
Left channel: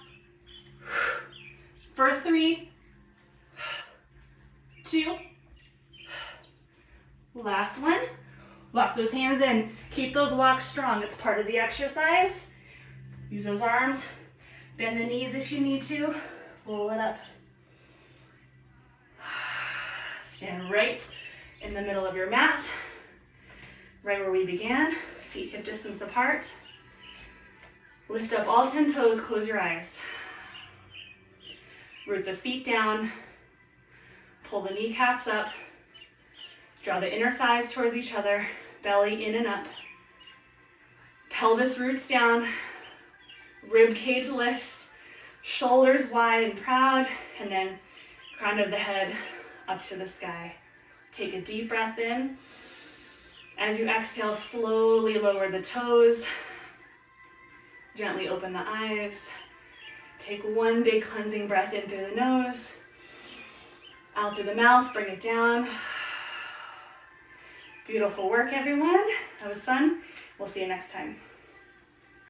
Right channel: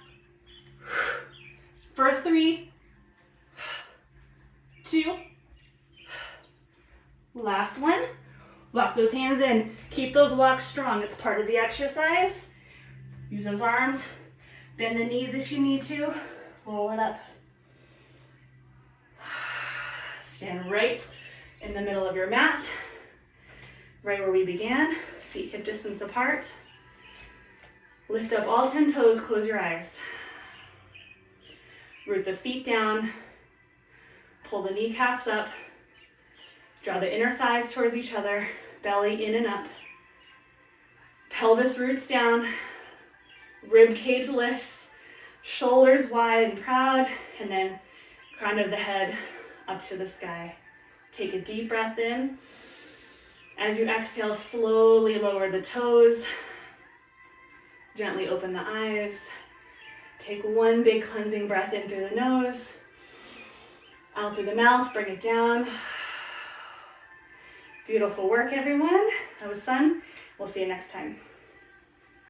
For 3, 2. Last one. Lock those hands in. Keep those walks strong. It's part of the exercise. Use those arms. Bend the knees if you need to. Roll it up. Stand right in the middle of your mat. Right where we began. Feet hip distance apart. Lift up all 10 toes. Close your eyes. Root the feet down. Pull the kneecaps up. Draw the inner thighs towards each other. Belly in and up. Pelvis roots down. Rib cage lifts. Shoulders wide and proud. And then crown of the head up to the sky. Take a deep breath in. As you exhale, slowly lower the toes. Gently open the eyes. Take one big cleansing breath in through the nose. Out through the mouth, bring it down. Beautiful work, everyone. That was fun. We'll see you next time.